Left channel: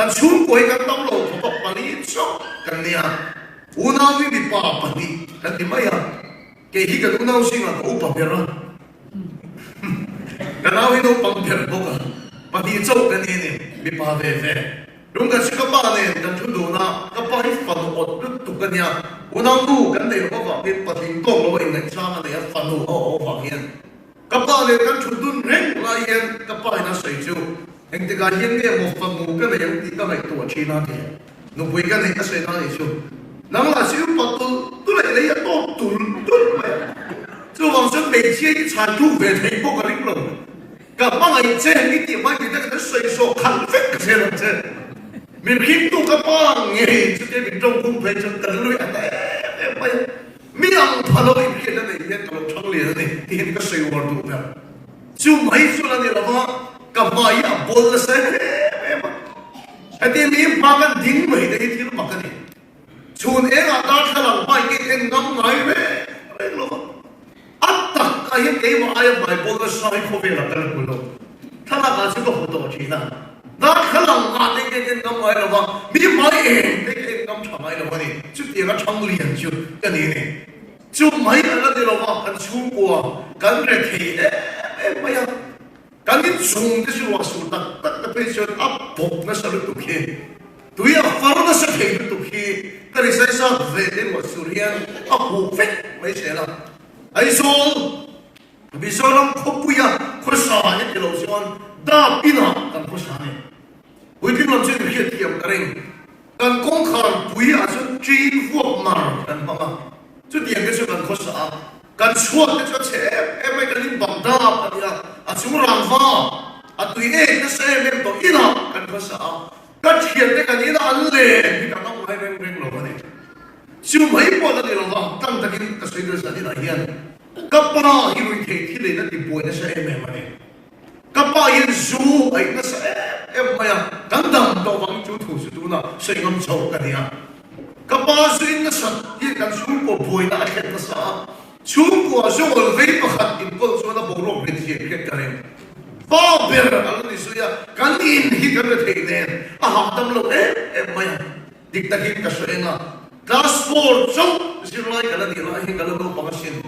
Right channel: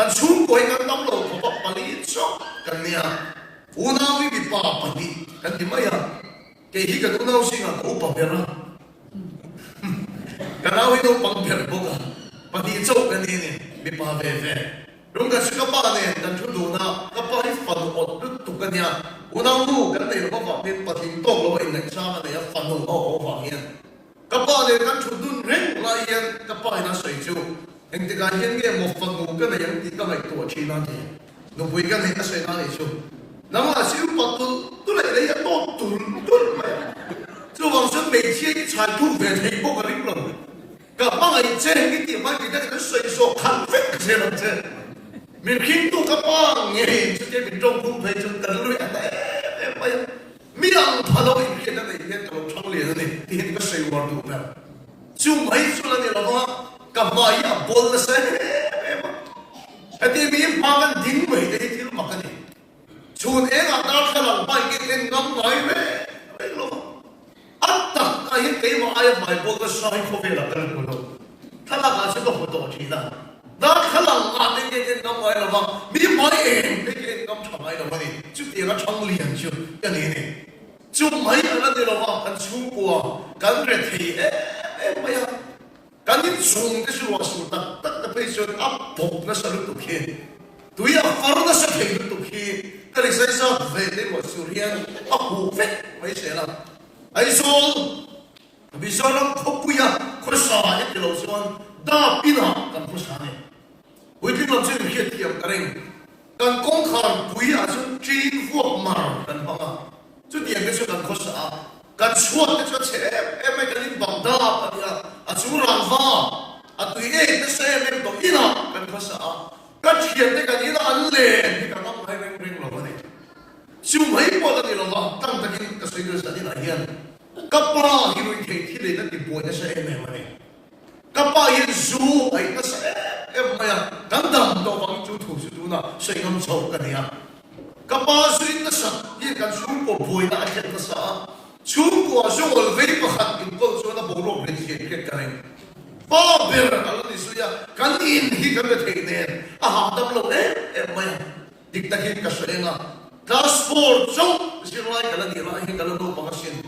kan chung koi kan tam lo ko pani cho kan nia unawi bi pa pani kan di maya ke hi kan unaw singa ko pa bera kan awi no pang bera boka pani cho kan ni bi pa ve ve rung kan sika pa ne kan chu do na ka pa hi fa do tu kan nia unaw tu kan ne ko pa pin pa tin to lo in sa na ne fa no o fa hian ka pa le kan chu dun reng la hian ka pa na sai chu anh ta cái hiện nay một phần một cái này ông đi cái này tuổi chín năm thì nó với cái này nó sẽ nói gì chứ nó mà siêu bật tôi lại lấy một tuần chứ còn số mấy千产出về thành phố cái lĩnh vực cả bao ngày chơi cái điểm mà người ta cái xây số khăn phết cái gì làm chơi mình kiếm tu cái bao nghề chứ cái mình trong cung về chân tận lưỡi đấy miệng thằng nó im kia này nên tụi nó thằng liền này thì cái xây hoàn đủ rồi chứ mấy số là gì đó kamai a bol sa ati mi pagan ding mai de thil makani chun e ga ta thalang pai ke en ngam lai ve lo atta ai ke mai mai bol sa ko ve la kan ko lo thala ga chu ko to chi da da thalang ga de ke en ngam mai lo mi mai e de ke en ngam chamai lo ni chu ti ga chang li han chu ka ni ne chu mai la de lo ma kan chu ko kan re thi e mai kan in sung cái sự wasu tak tak na pressure up pop na sa luto ki tu ya far na sa ki luto ki kali sa sa vede wasu rian aku vet mai sela ai sol bi solam khopuya khosa ni kilo son da pina kan khosa ni ui pin lam chen hiet kiam karen kan kong khar puya so chin fuak mar kan pa chu diang ke so kan khosa kan suat ke che em mai kan bang da pa a chung rang va a tui ne ke se lem to ina kan ko sa ka thian te kan ina an le ni ka ma mai reng reng lo ni chu mai po da ni lo ma tam ta kin ka se sa ni na hian ka pa hi ru ke thi le na ti po na sa em ma ni ka pa yin zu ai na sa em ma ya dan dan do wang chu thu su tu na se ngam chau ka ni ka pa su in na sa ye kan chu po poi na a na sa chung ko so ol ve pa khat in ko so da bo ro ke thi ke ka ne pa ber al ni su ya kan in hi ka the ne a ha tam lo e ma dik ta ki ka so nga class 4 so si ro ka la ni la hi ka lo pa ka sin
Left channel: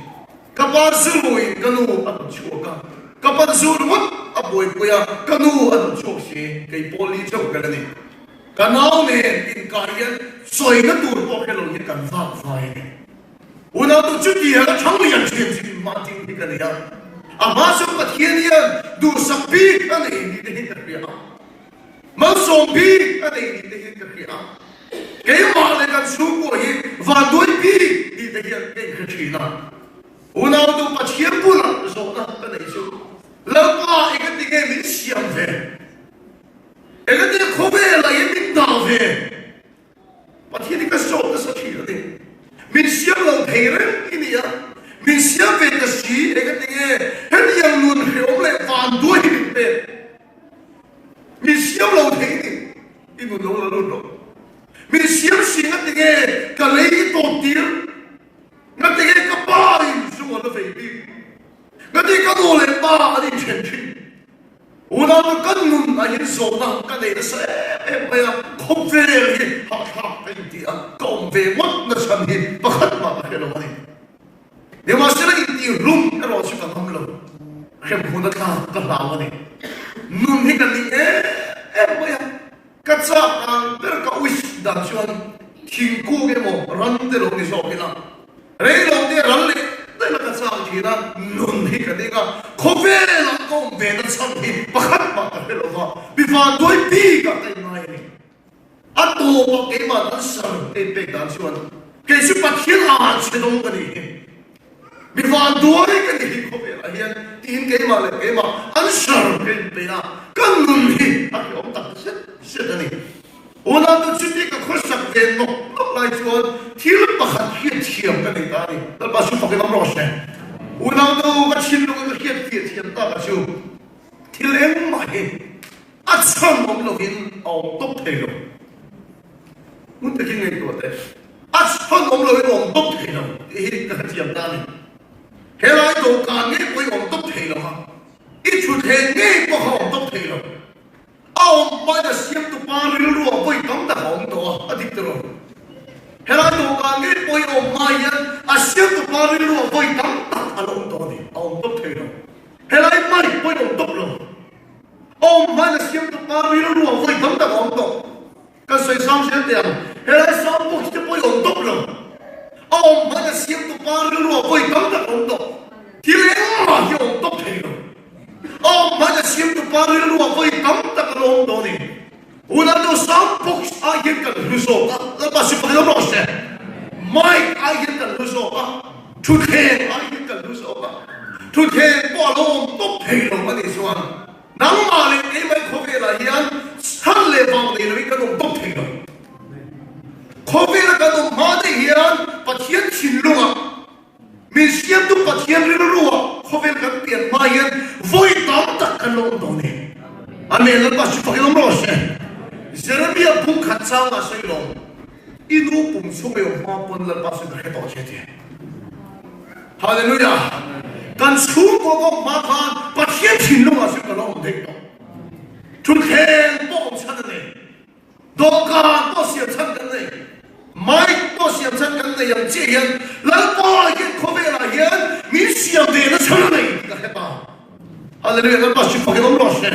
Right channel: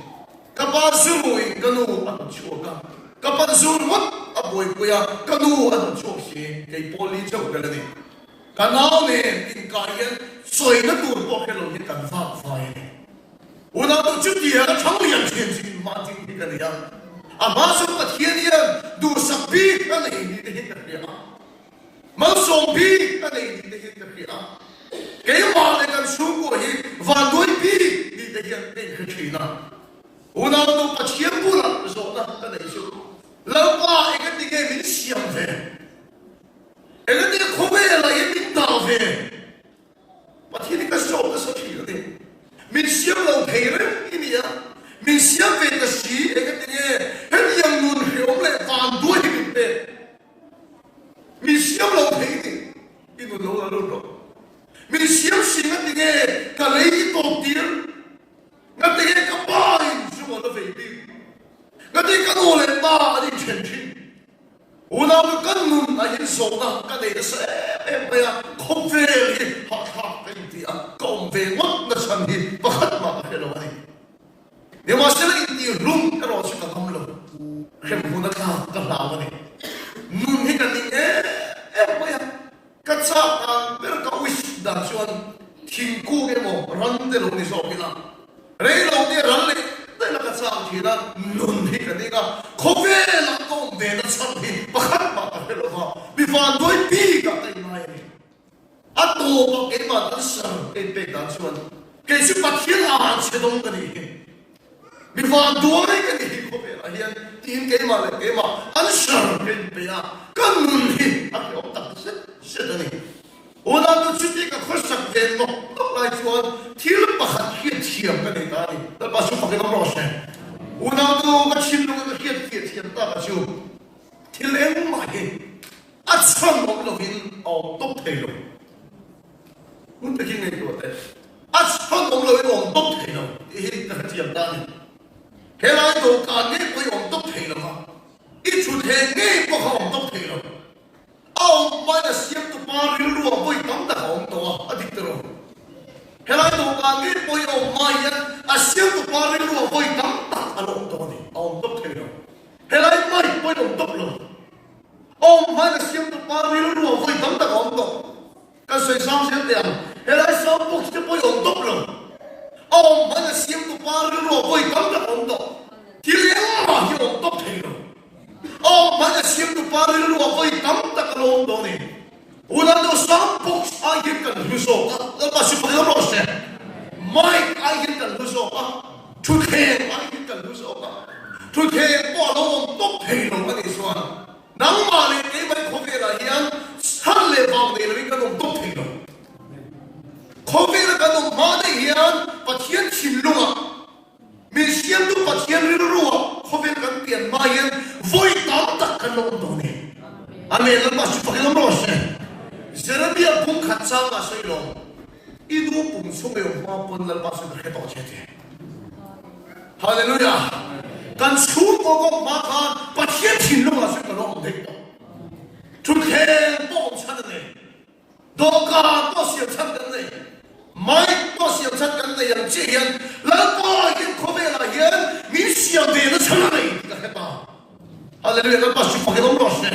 ka pa su ri ka nu a chu ka pa su ru a boy ko ya ka nu a chu si ke poli chu ka la ni ka nau ne in ka yan soi na tur po ke lo ni kan fa fa ne una tu chu ti ya chang li yan chi chi ma ti ni ka ya a ma so ka thiên yan du sa pi ka ne ni de ka ya ma so pi ka ne ni de ka ya ke ma de kan su ko hi va doi pi ni de ya de ka chi na una tu pa thiên bu la so na ka ne su la pa e ka ti ke min siam ve e ka te ko ve la ye min da ve pa thiên ka so ka so chi de min siam lo phere ini ya min siam ve ta si e ka tinge hen yang nun he o le van do hi pe min siam lo phere i bu lo lo min siam si ka tinge ka le i to tir na tinge ka pa in su mo lo ve bi ka ti ka no le pa ani chen chi una ma kan nun a yin so na ka le sa e pa ya khop ve li ha ha pe ti a kom ve wat na sam hi pa khat ma ka lo ni de ma se ni ti rum ka lo su ka tham lo khem hu na ka la wa ni nun ni ka ni e pa ya ka cha ang per ka wis da chuan thing ku ge mo ran de lo ni so ki na re lo ni ran le de la ka cha ki na nun ni ka de ka khop ve la kom ve na sam hi pa khat ma ka lo ma bi fa doi pi ka te na ni a to pa ke ma ta sa e pe da chuan ke su pa thil a che dong ka ni bi fa doi ka ni ko pe a hian tin ke ma le ke ma an sa pe pe na kan nun hi a ke o ta se da ni ona tu chu ti ka khos sak den no to lai chuan thil pa khat hi thiam ka ni ta ni ta pa su pa ke ma ro se ona tu ka chin lo ka hi thiam ta ka chu thil em ma he a cham mo lo hin o to pe lo mun te kin ne to te a cham mo lo hin o to pe lo e ka thiam ta ni he lai to ka ne ko o to pe lo ha i chu the ne ko ho to pe lo a ông mai là xiêm tụ ba riu ruộng với tấm ta ông đó ở đi rồi hệ là tụ ba cái bôi ông mai á xiêm tụ ba riu ruộng với tấm ta ông đó đi ông tốt thế rồi hệ là mai bôi ông tốt rồi ông mai là xiêm tụ ba riu ruộng với tấm ta ông đó cái sự sáng suốt tiền hệ là sáng bốc sẽ bôi ông tốt rồi ông mai là xiêm tụ ba riu ruộng với tấm ta ông đó thì lấy mà hiểu ông tốt thế rồi ông mai là xiêm tụ ba riu ruộng với tấm ta ông đó đi una do some books I get the result. Let us see the most. Mike I get the result. Today I get the result. Today qua long tốt thì rồi cái gì sao? Nắng mà lên cái mấy khó về là hiện hết lệ vàng để lấy cái đồng tốt thì rồi. Khó về là cái đồng mà để hiện bắt hiện chìm luôn à. Mình xem tu bắt hiện luôn à. Khó về cái tiền mà hiện vui tóm tất cả long đó này. Anh em let us see the most. Jeremiah pun kacau nggak sih lo? Itu pun supaya maupun lepas itu hebat jadi. Haleluya. Dan semua makan pasien cina masih kalau mereka. Tuhan bom cakap ni, doa bos yang cakap ni, mai bos yang cakap ni yang jian, lepas yang kau bela yang misi yang dia cakap ni, hebat. Haleluya. Lepas itu pakai nombor ni.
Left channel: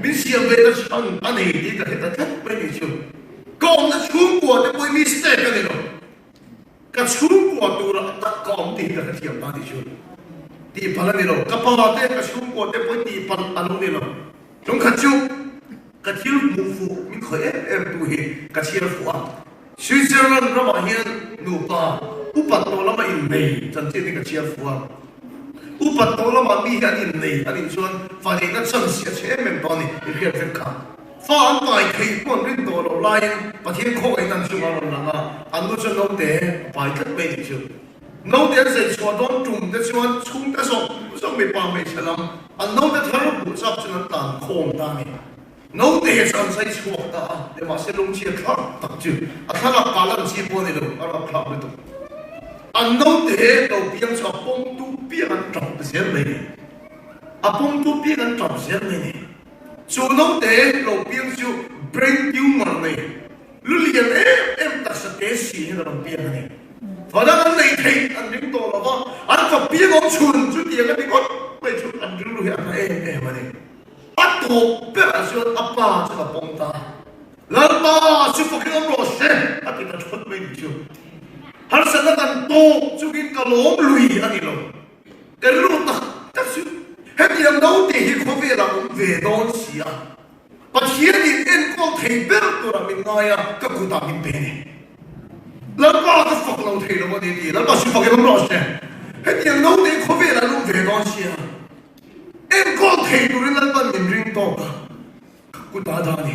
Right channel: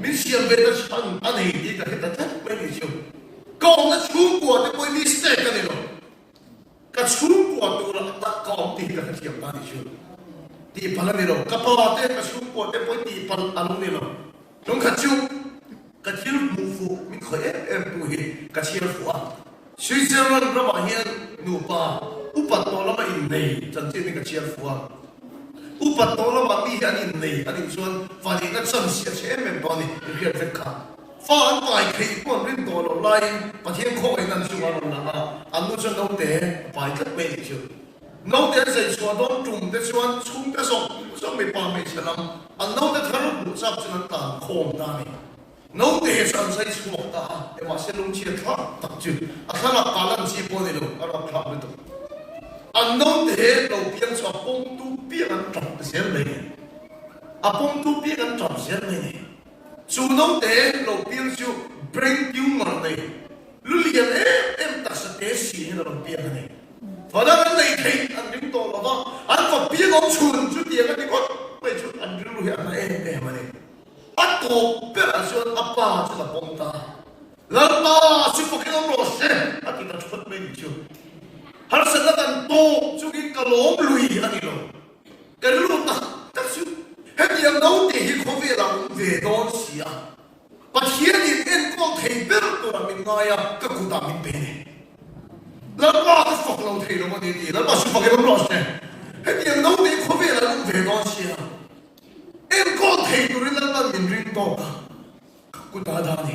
Mình xem về cái chuyện anh ấy đi cái cái thất bên đi chứ, còn cái chuyện của cái bôi mistake cái này rồi, cái chuyện của tôi là đã còn đi cái chuyện anh đi chứ, đi phần này rồi, cái bao cái chuyện của cái bôi đi phần anh này rồi, chúng cái chuyện mù phụ mình khởi em tu hi cái chuyện phụ à, suy diễn ra nó bảo hiện nụ ba, upat tôi là mà in này, chân chính cái chuyện phụ à. Upat tolo mami anin nei anin chuan fani na chan sia che men boni rian ven kha fa an pai thei pon rin tolo lai pathian kho ai nan chu ma langa anu chu no te pai kat pe chu no te se chua don tum te chuan chung te so me pa me chalam an no te tharu bu chap chuan tan khom ta ni no te chan sai chu ta e ma se lung chi tha tak chu a thara palan chi poni lo ara phla lu anh nói thế đầu tiên cho bông tu biết anh trồng sẽ này, bông tu biết anh trồng sẽ này, chú nói thế đầu tiên cho bring you mà này, lúc liền em đặt sự tế sĩ đầu tiên này, và đó anh này thì anh đứng tổ là vợ, anh phải biết ông chuồn chú tiền cái con, bây giờ anh đứng lui anh em mà này, anh tổ biết anh chuồn ba cho là bông ta, lần ba chú phải cái ông lột xe, anh thì đặt phật mình chưa. Har sana kan to chuki kalom lui ani lo kalu ta ta su heti ang dau te hi khowe la ve don sia pathian ni en ko thei ber tu ra min noya ka ku ta min pe ni la pa ta fok lo thei lo ni ni la pa su fok lo se heti ang dau te khowe la lu ve don sia en ko thei tu rin la pa min ring to ka ku ta da ni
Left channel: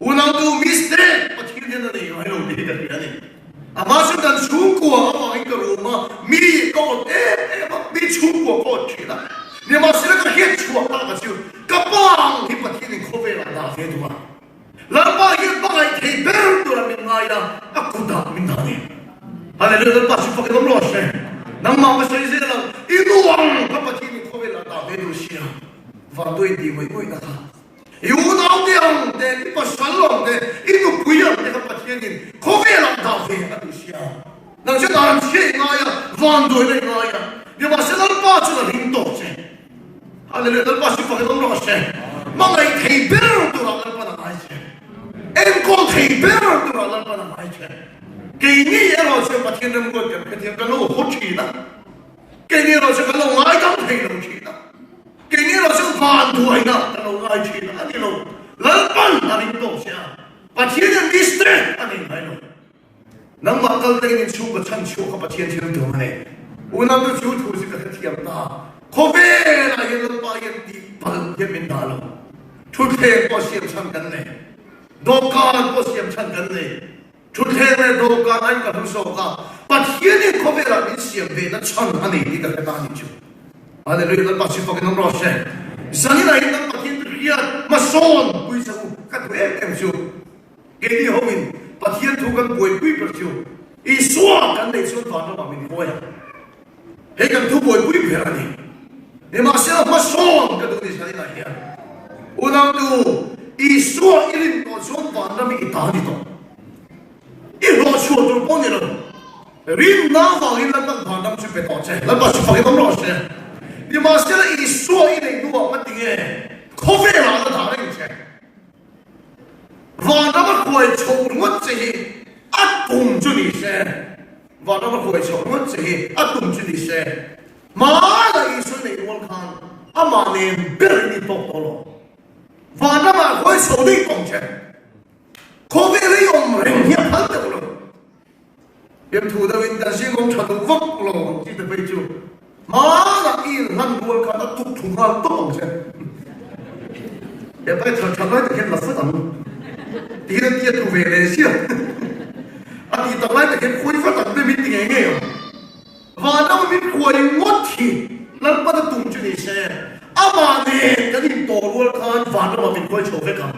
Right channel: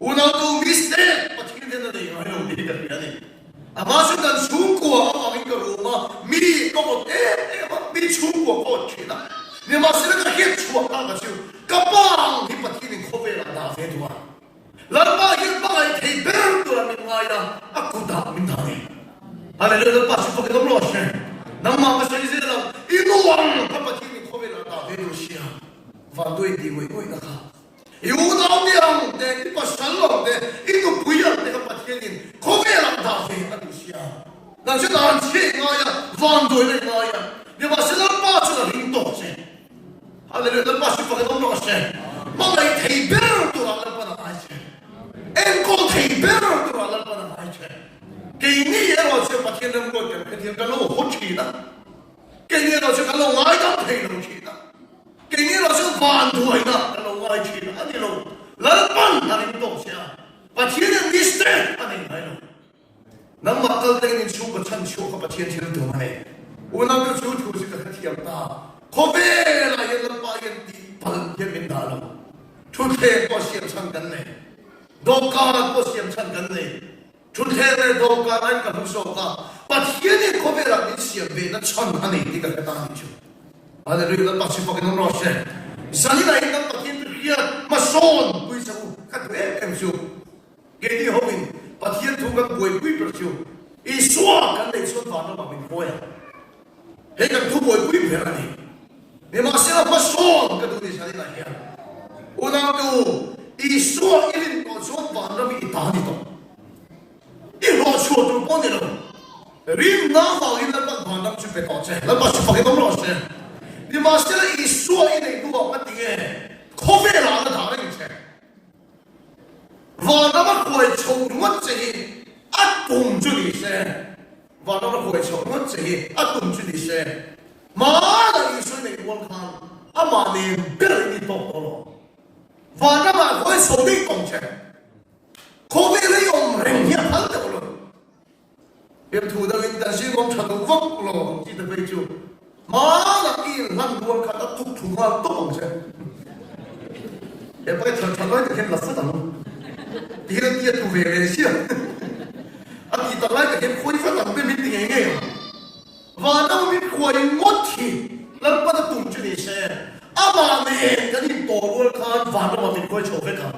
una tu miste pathian ni ni ai lo ni da ni Amasuk dan sungguh apa itu rumah mi kau mi sungguh kau cina. Ni masih ada hidup suatu apa sih? Kapang hidup ini kau berada di dua. Lepas hidup ini berdua minaya aku dah minta ni. Ada lepas itu pakai nombor ni. Nama apa sahaja dalam itu orang apa ini kau berada di Rusia. Vandoi di mana itu nak? Yunau yang dari pasalong itu punya dengan patienin komelan dahi anusia. Nang sedang ngaya vandoi ngaya. Dia masih lepas sudah hinto se. Ada lepas itu pakai nombor se. Mangai tiber tu orang lepas aja. Engkau tiber tu orang lepas aja. Kini ya orang patienin buat patienin kalau hoci na. Kini orang kalau ngajak patienin Cina. Kini langsung bantuin nak kalau ngaji nak ni lo, lepas hari itu saya, pasien yang distres ani ni lo, nampak kalau dengan cuba cancu apa pasien macam tu ni, orang tu cuba tu sekarang tiap dah, kowe lah yang lepas yang di pal yang minta lo, cuci pasien macam ni, dokar pasien macam ni, cuci dokar yang kalau soka, pasien yang kowe lah mesti beda macam ni di dalam ni tu. Ada lagi lepas itu pakai nombor saya. Misalnya lah yang pakai riat mason, bisa kat BM tu. Jadi homin, pakai tu kan boleh bui percu. Isua kan isua mana kami boleh. Hei kan tu boleh bui berani. Ni masih mason kan tu misalnya lah ya. Orang tu i suwa ilin ko suwa vanami itani to i lo suwa tur poni lo rin na va rin la vanam chu pe to che la ba chu fa ke dom lo che ni ma se i suwa ilin ko ma ting e coffee la da da rin che vanam ko e chong ngot che a tum chu ni se vanam ko e chong ngot che a tum chu ni se ma la i su ni wol khan ama ne ber ni to lo vanam ko e so ni tong che coffee ri om ren ni phal de lo yem thu da win da sing om chadu vok lo ji de bai chu ma la i lan wol khan a tu tu ga to che e bai cha cha la de la fa da lo dia tu ve le sia a ti ta la de ke khoi fa da de mi ti nge vanam mi khoi mot thi lan pa da tum chu ni se ama ne ka ni to wol khan vanam mi khoi cho ve ka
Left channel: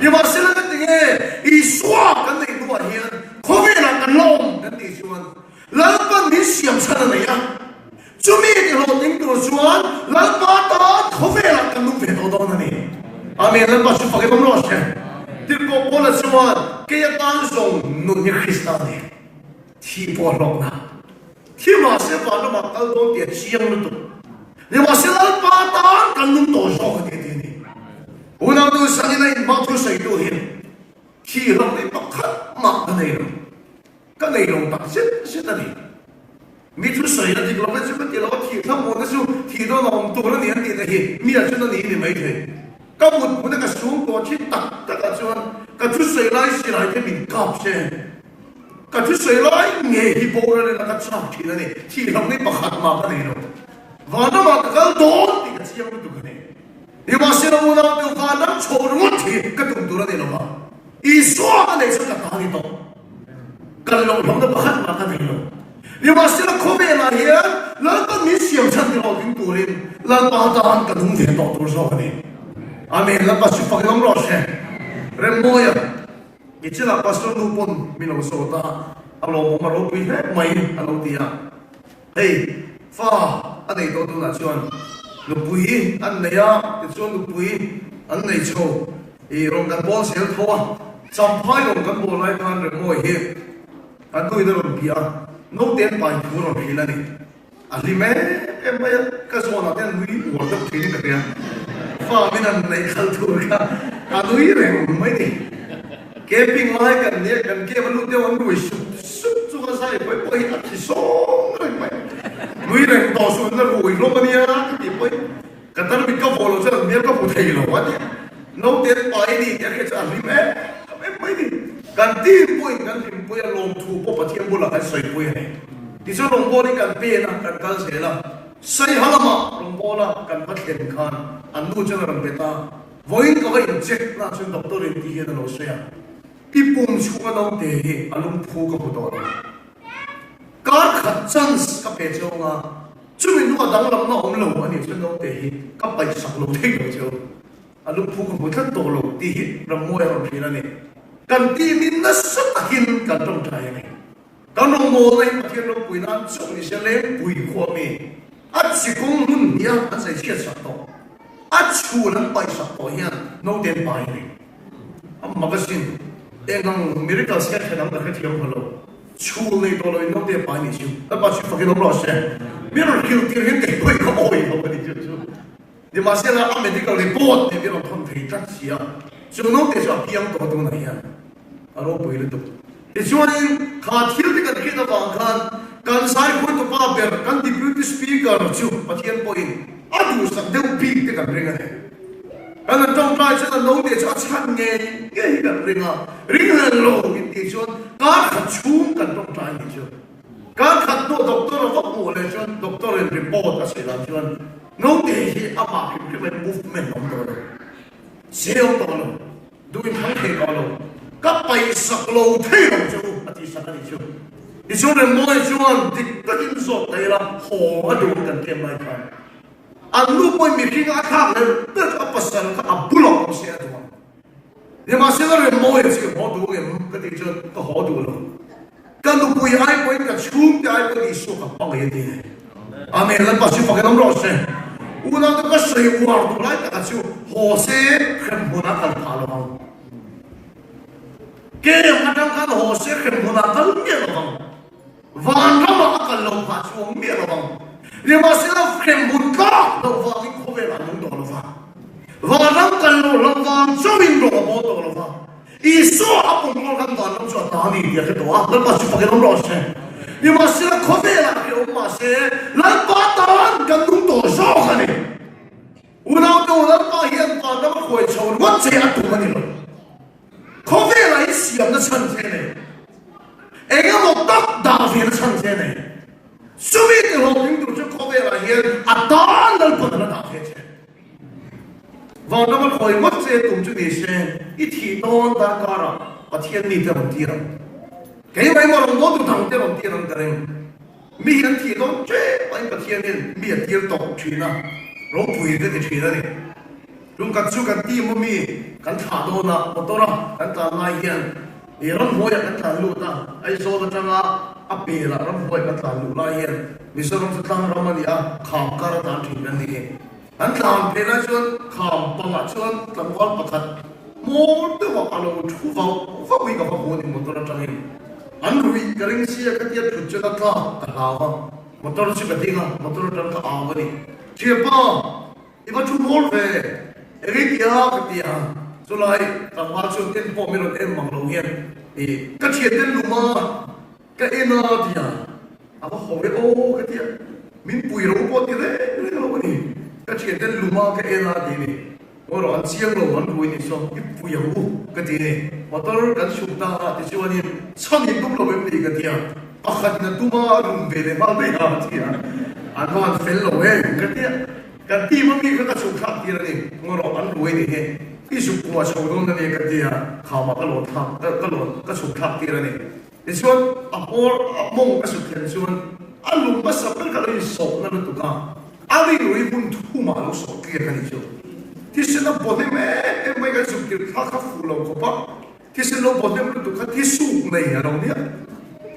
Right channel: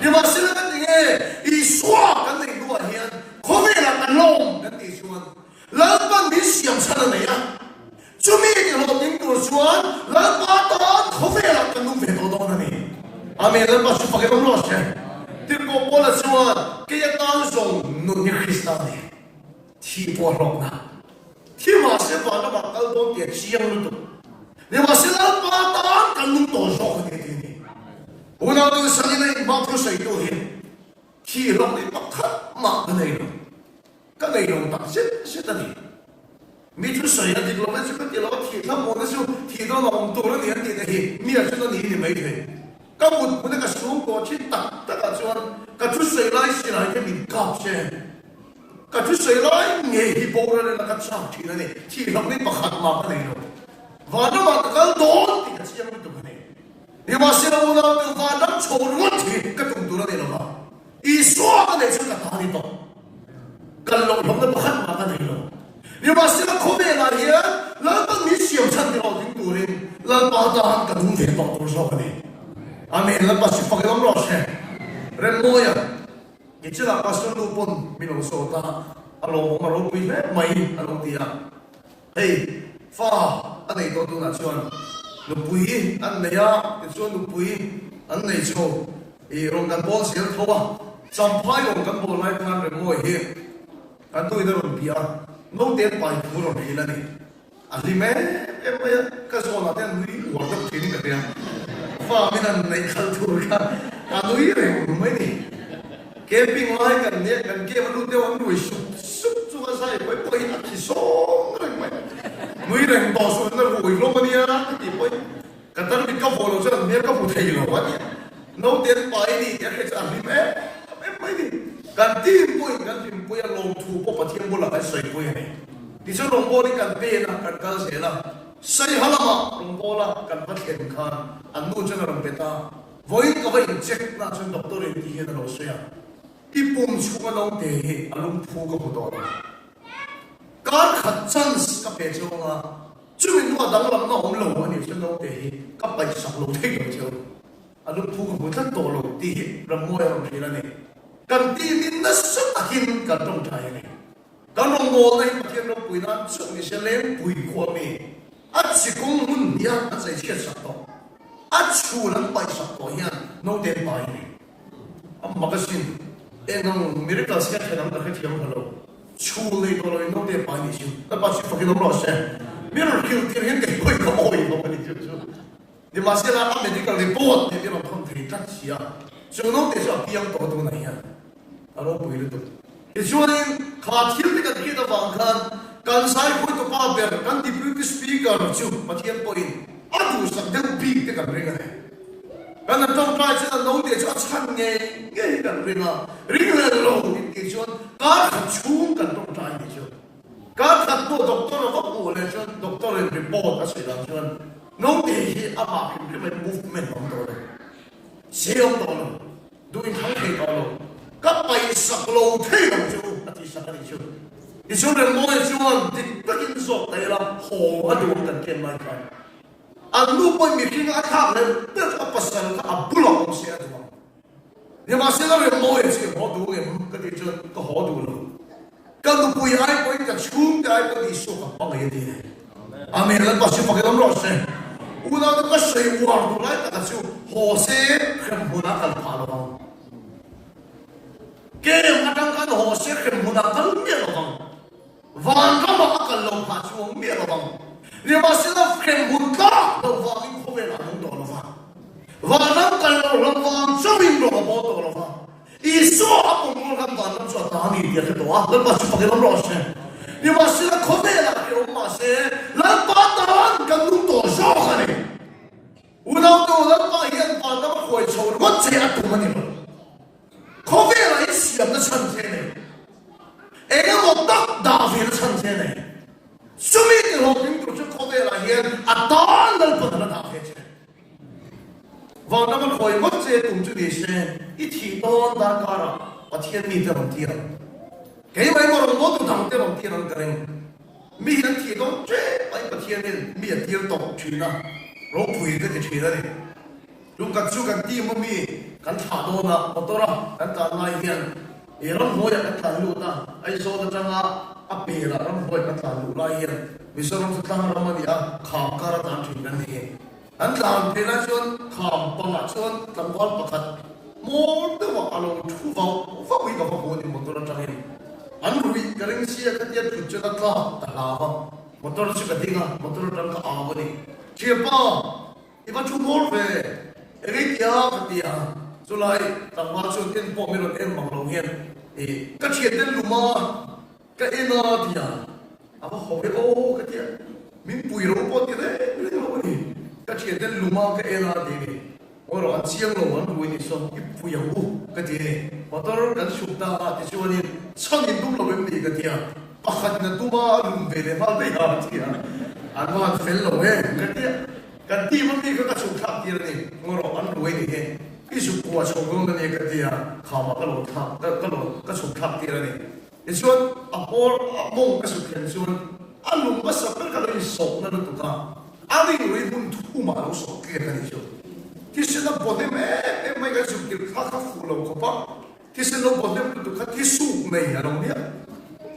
ni ma se la de nge i swa ka ni du ba hian ko ve la kan long kan ti chuan lan pa mi siam sa na ya chu mi ti lo ning tu chuan lan pa ta ko ve la kan nu ve do do na ni amen lan pa su fa ke dom lo se ti ko po la chuan ke ya tan song nu ni krista ni ti po lo na ti ma se pa na ma kal dong ti chiang lu tu ni ma se lan pa ta kan nu to so ni ti ni una du sa ni na ma tu sai tu hin ti lo ni pa kha ma na nei lo ka nei lo ta se ta ni mi tu sai na ti lo pa chu ti lo ti tha mo na su ti do lo tu lo ni ti na hi mi ya chu na ni ni mai the ka mu na ka su ko chi ta ta ka chuan ka tu sai lai si lai ke min kap se ka tu sai lai nge hi bo ra na ka cha ti na ni ti lo ni pa kha ma pa ni lo va na ma ka do ti ka chi ya tu ni ni ma se mo na tu va na cho ro ti ka tu du ra ni lo ma i so ka ne sa ka ta ni to ka lo lo na pa kha ma ka ni lo ni ma se la ko me la ya la ka mi siam chan ni lo tin tu rin la pa ta ka nu ve to tu so ni amen la pa su fa ke dom lo se re mo ya ni chi la pastor nu pon mi lo so ta alo ma lo pi he mai alo ti ya hey fa anei to tu na chuan lu pui an ne ya ti chuan lu pui an nei cho e rong kan bon sel tho cham phai rong kan bon lai kan re mo hi an tu de ro pia no ten pai pu ro hi la ni ali me em me ka so na ten lui wo ta thi ni ka fa mi nan nei khal tu ka ka lui re mai ni ke ping lai kan ne kan ke lu de wan lu su su chu ka sai poi poi a chi so re mai lui re to su na lu lo ma ni ya ti poi ka tan mi ka vo lo sa mi ka pu thei lo wa ni no ten pai ni ke ke sa ali me mai ni kan ti poi lo tu po pa thiam bu la sai poi hai ti so long bo ni kan pe na kan kal se la sai halama long bo la kan pa khen khan an nu chen ram beta voi ko ga check na chun doctor ri ti ge no so ya pi pum chu ka dong te hi alum phu ko do ka khat chance ka pe chonga chu min nu dang lam na om lo ani chun dong te hi ka pai sak lo thei lo chu alum phu ko tha to lo ti ram mo ya ro thi la ni kan ti min na sa takin kan dong thai ni kan long bo nei pa thiên lo pui na chu ni se le pui kho mi a chi kong lun nia a sai chiat sak to a chu lan pai sak to hian no den pai ni am ma ka sin e nang miracle se khe nam ka thiam holo chu le to lo no den pai ni chu ta pa chu fa ke no lo se miracle ke hen de pui ko oi lo ni chu de ma se la medical report ni ke no thon thei tak sia chu no te sa piang to to na hian alo pui le to Ichuanin kha thil ti kan khita wang khan kan sai put to pa ber kan deputy speaker chu pathian point adu sak deu pi te kan ringa kan tong trai cha no te cha chan nge nge kan ringa ringa lo ti chon ka chung kan tong trai ni chu ka khat to doctor ko ko le chon doctor report a sila chon no te hi apa ki movement on do seong to lo doing hai ke ka lo ka pai sak lo thei lo chu ati sak ani chu i chu le mo chu an dik ka din so te la ho a do kan ken mai ka an lu poi mi king a kha le pe ka pasan ka abulo se a do ni ma se le mo chu ho do ge ka ti chu ka ho do lo ka lu poi ai poi ka chung te ai poi so ka pa ye de amen la pa chu pa ka dom ro se una ta ka sei war du lai ta chu ho se khem huna kal tha lo ke ma tang kan ho se khem huna kal mi lo van ra ma kal lo pha chu mi lo ni ma se la khem hun ka lo va ki ko ve la lo lo va van ra kal lo va chu min lo bo to lo va i so a ko mo kan ta lo chu ta ni dia ke to a lo pa chu pa ke lo se你嘛是可别了，我嘛是来把答案跟弄多少个呢？我那个我那把烟把那么回抽，我这样多呢？可别了，一想的成天呢，哎个我大片的成天呢，所以的话，你都是可别了烟，啊答案都不能大片去。往那么回，我这动作的是，一提到大家了，我天地的问题了。cái vậy mà nó都thằng tiêu bằng tiền thằng tiền mi hiện thì nó chết anh cái thiên nhiên mi hiện tiền tổng chuyện à nó bùi cái chuyện đấy chúng ta chú cái tiền mà mi cái thà đồ na một đồ na cái thà này hiện thì nó mua cái thà lụt na ai số nó chẳng à bể là nó mua cái thà lụt này hiện vì sao nó tăng nó mà đi à khám cả là tăng chuyện này cái thà bể là chuyện khám bằng là chuyện làm quan bậc thật một đứa vào alo chú vào huy cái vào một đồ na chẳng anh lui cái này xí cái tiệt chụp cho nó cả lao motor nó chỉ cái gì à motor nó cái áo vậy chỉ bao iba chú mua về cái kia cái kia rồi lại làm bao nhiêu tiền bỏ mình rồi em bằng lâu hiền thì cái chuyện tiền lùm mà cái em nó thì à aber họ biết ô cái tiền mình bùi rồi bỏ tiền đấy cái nó vậy cái chuyện tiền lùm mà cái em nó thì ora an chiang lo an bui ni so ki pui hu ka ti motor kan sum ta ti chu ni chang ni dum lo be ti ka ti a pakhat na tu ma rum be de mal be ha ti a an wa fel lo he ka ti ma mi ka sum kha ti ni ngoro an bui ni he ti su ku wa so dong na ni ka ti a kha ma ka lo tha ka lo ka sum kha ti ni ti chu a por mong ka su ten chu an lum ba sa ka lo ni so na tu ka a ri ri bun tu ma lo so ki ka ni chuที่สิ่งเราบอกได้ไหมไม่ก็สุดที่พักฟูเราก็ปะที่สิ่งเราบอกได้มันตัวที่สูงในเราเนี่ย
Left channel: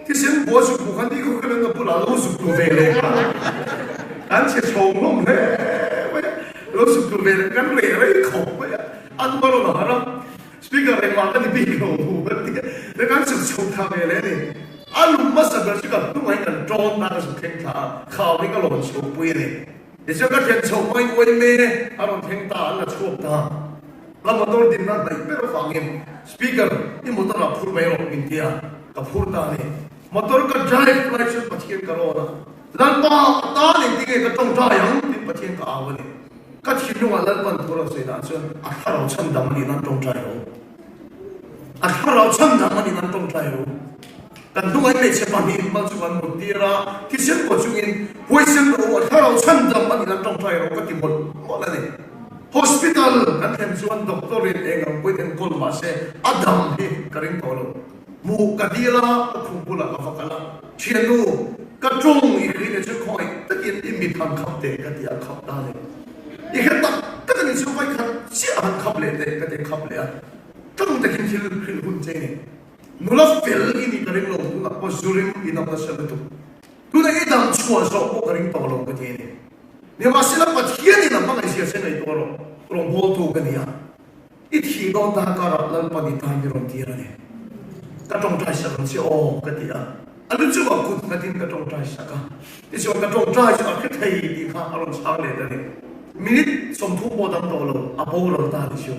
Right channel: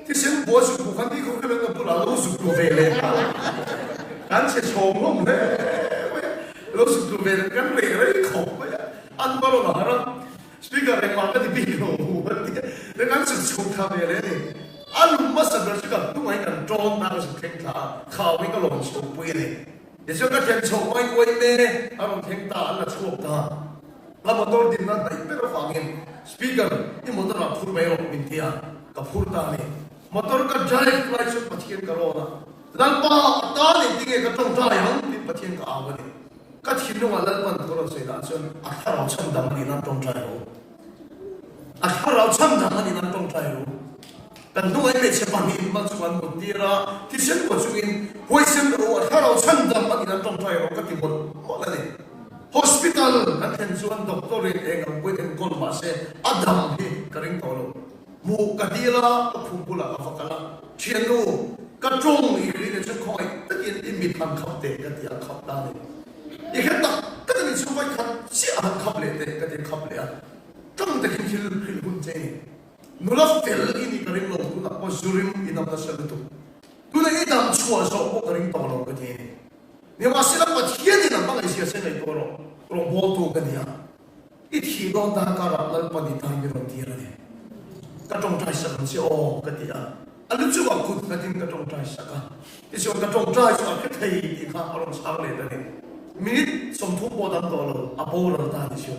ที่สิ่งบอกสุดบุคคลที่เขาเป็นตัวเราสุดตัวเวรการเชื่อชมลงเลยเราสุดตัวเวรกันเวรเลยเขาไปอันนั้นเราหนาสปีกเกอร์เองว่ากันดีเขาแล้วการสุดชมทำเวรเลยอันนั้นมาสักเดือนสิบตัวให้กันจองมาสุดเท่งขาข่าวนี้ก็ลงชมไปเลยเดี๋ยวก็จะชมไม่ควรเลยอารมณ์เพ่งตาและชวบตาแล้วมาตัวดินนั้นแต่ไม่รู้ฟังเองสปีกเกอร์นี่มันต้องรับพูดไปหรอกมินเทียกับพูดตาเนี่ยมาตัวก็จะเล่นไลฟ์สดปะเทียนกันแล้วนะแล้วป้าตาเนี่ยที่ก็ต้องจ่ายเงินปะเทียนกับเอาเนี่ยก็ทิ้งว่าแล้วมันตัวเราเสียดายจนถ้าเราชั่งดำนี่นั่นต้องจ่ายรู้ถ้าเราชั่งดำนี่นั่นต้องจ่ายรู้กันด้วยไม่ใช่ปนิมันสุวรรณบุตรที่เช่นปัจจุบันห้วยเส้นรู้ว่าถ้าเราชั่งดำมันนั่นต้องใช้เราก็ที่หมดเลย hospital กันเห็นส่วนด็อกเตอร์เองก็เป็นคนมาเสียอดัมที่กระดิ่งตัวเรามูกัดีละคุ้มกุลาฟักละเชียนูกระจงอีกทีนึงจะคอยตะกี้ที่มีทางขับเตะกันที่ขับได้อีกเหตุการณ์ก็จะมีช่วยกันเสียขับเลยเตะกันที่ขับเลยตั้งแต่กินที่ลุ่นเจนี่นุลาเฟลini kering lo tu nak posurim ina pasal itu tu nak idam chua so ko kering to lo ke ni ni masila pat hian ni namang isia se nei to lo rong bo tu ka ni a I thi don ta ka ra lan pa ni ta ni ro ti ra ni ka tong trai sa si o ka ti a alu chu wa ku ka tin ka tong trai sa ka ti so ka tong trai sa ka thei ni ka aron sa le ka ni minit som thu bo dam to lo a bo lo ta ti so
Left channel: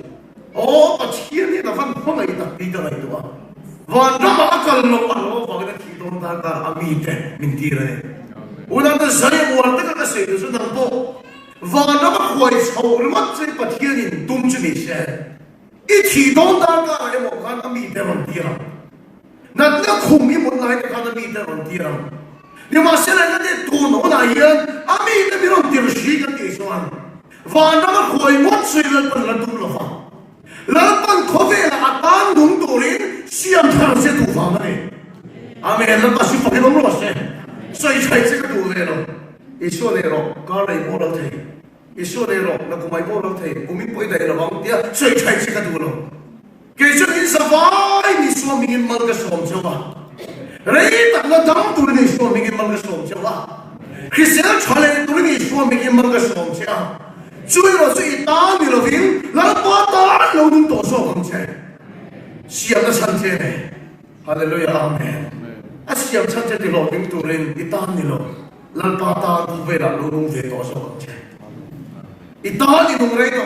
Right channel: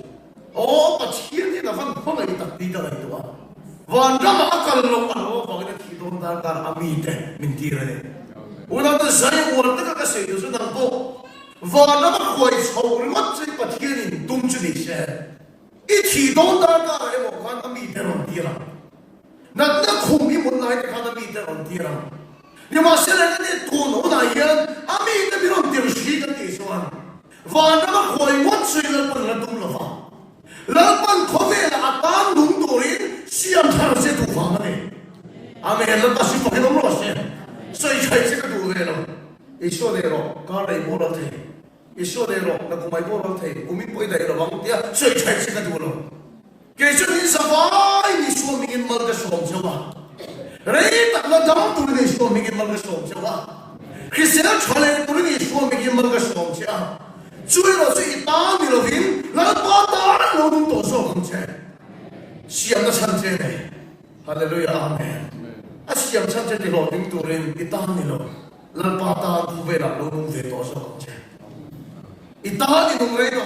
o pat hian ni ka van ko mai ta ti ta to aวันเรามาอักลลงอันว่าบอกว่าที่โดนด่าการอามีเตมินตีเลยวันนั้นจะใช้วันที่ก็เสียสุดนั่นโตวันเรามาคุยชาวรถที่ประเทศนี้ตุ้มจุดเสียอีที่โดนด่าการเรื่องการอามีเตมันตีระนั่นก็คุ้มมีมันอะไรกับการอามีเตมันตีระนี่มาเสียแล้วเนี่ยตัวโน้นอะไรอามีเตมันตีระชีกันที่ส่วนวันเรามาคุยวัดสุดแล้วมันระดุมละฟ้าแล้วมันทวีละอัตานดุมตัวนี้เสียงทางเสียถูกฟังไหมอามีแล้วก็สิ่งที่เรารู้ใช่ใช่ใช่สิ่งที่ดูเลยเราอิสุเลยเราก็เลยบอกเราที่อิสุเลยเราแล้วก็ไม่บอกเราที่กูมีพูดได้เราบางทีใช่ใช่สิ่งที่ดูเราเกี่ยวกับสบายมีส่วนมีเงินมันก็ส่งเจ้าว่าเรื่องนั้นดำตัวนี้ส่วนมีเงินมันก็ส่งเจ้าว่า Christian challenge tu ni suam bagi mereka suam cia. Cuma lo si ta ni lo ving, lalu ta lo tu to suam cia. Siap dah sanjay. Haleluya, amen. Siap sanjay di lo ving tu ren ita ni lo, lalu ta tu vera lo tu vera to suam cia. Ita ni tu mereka,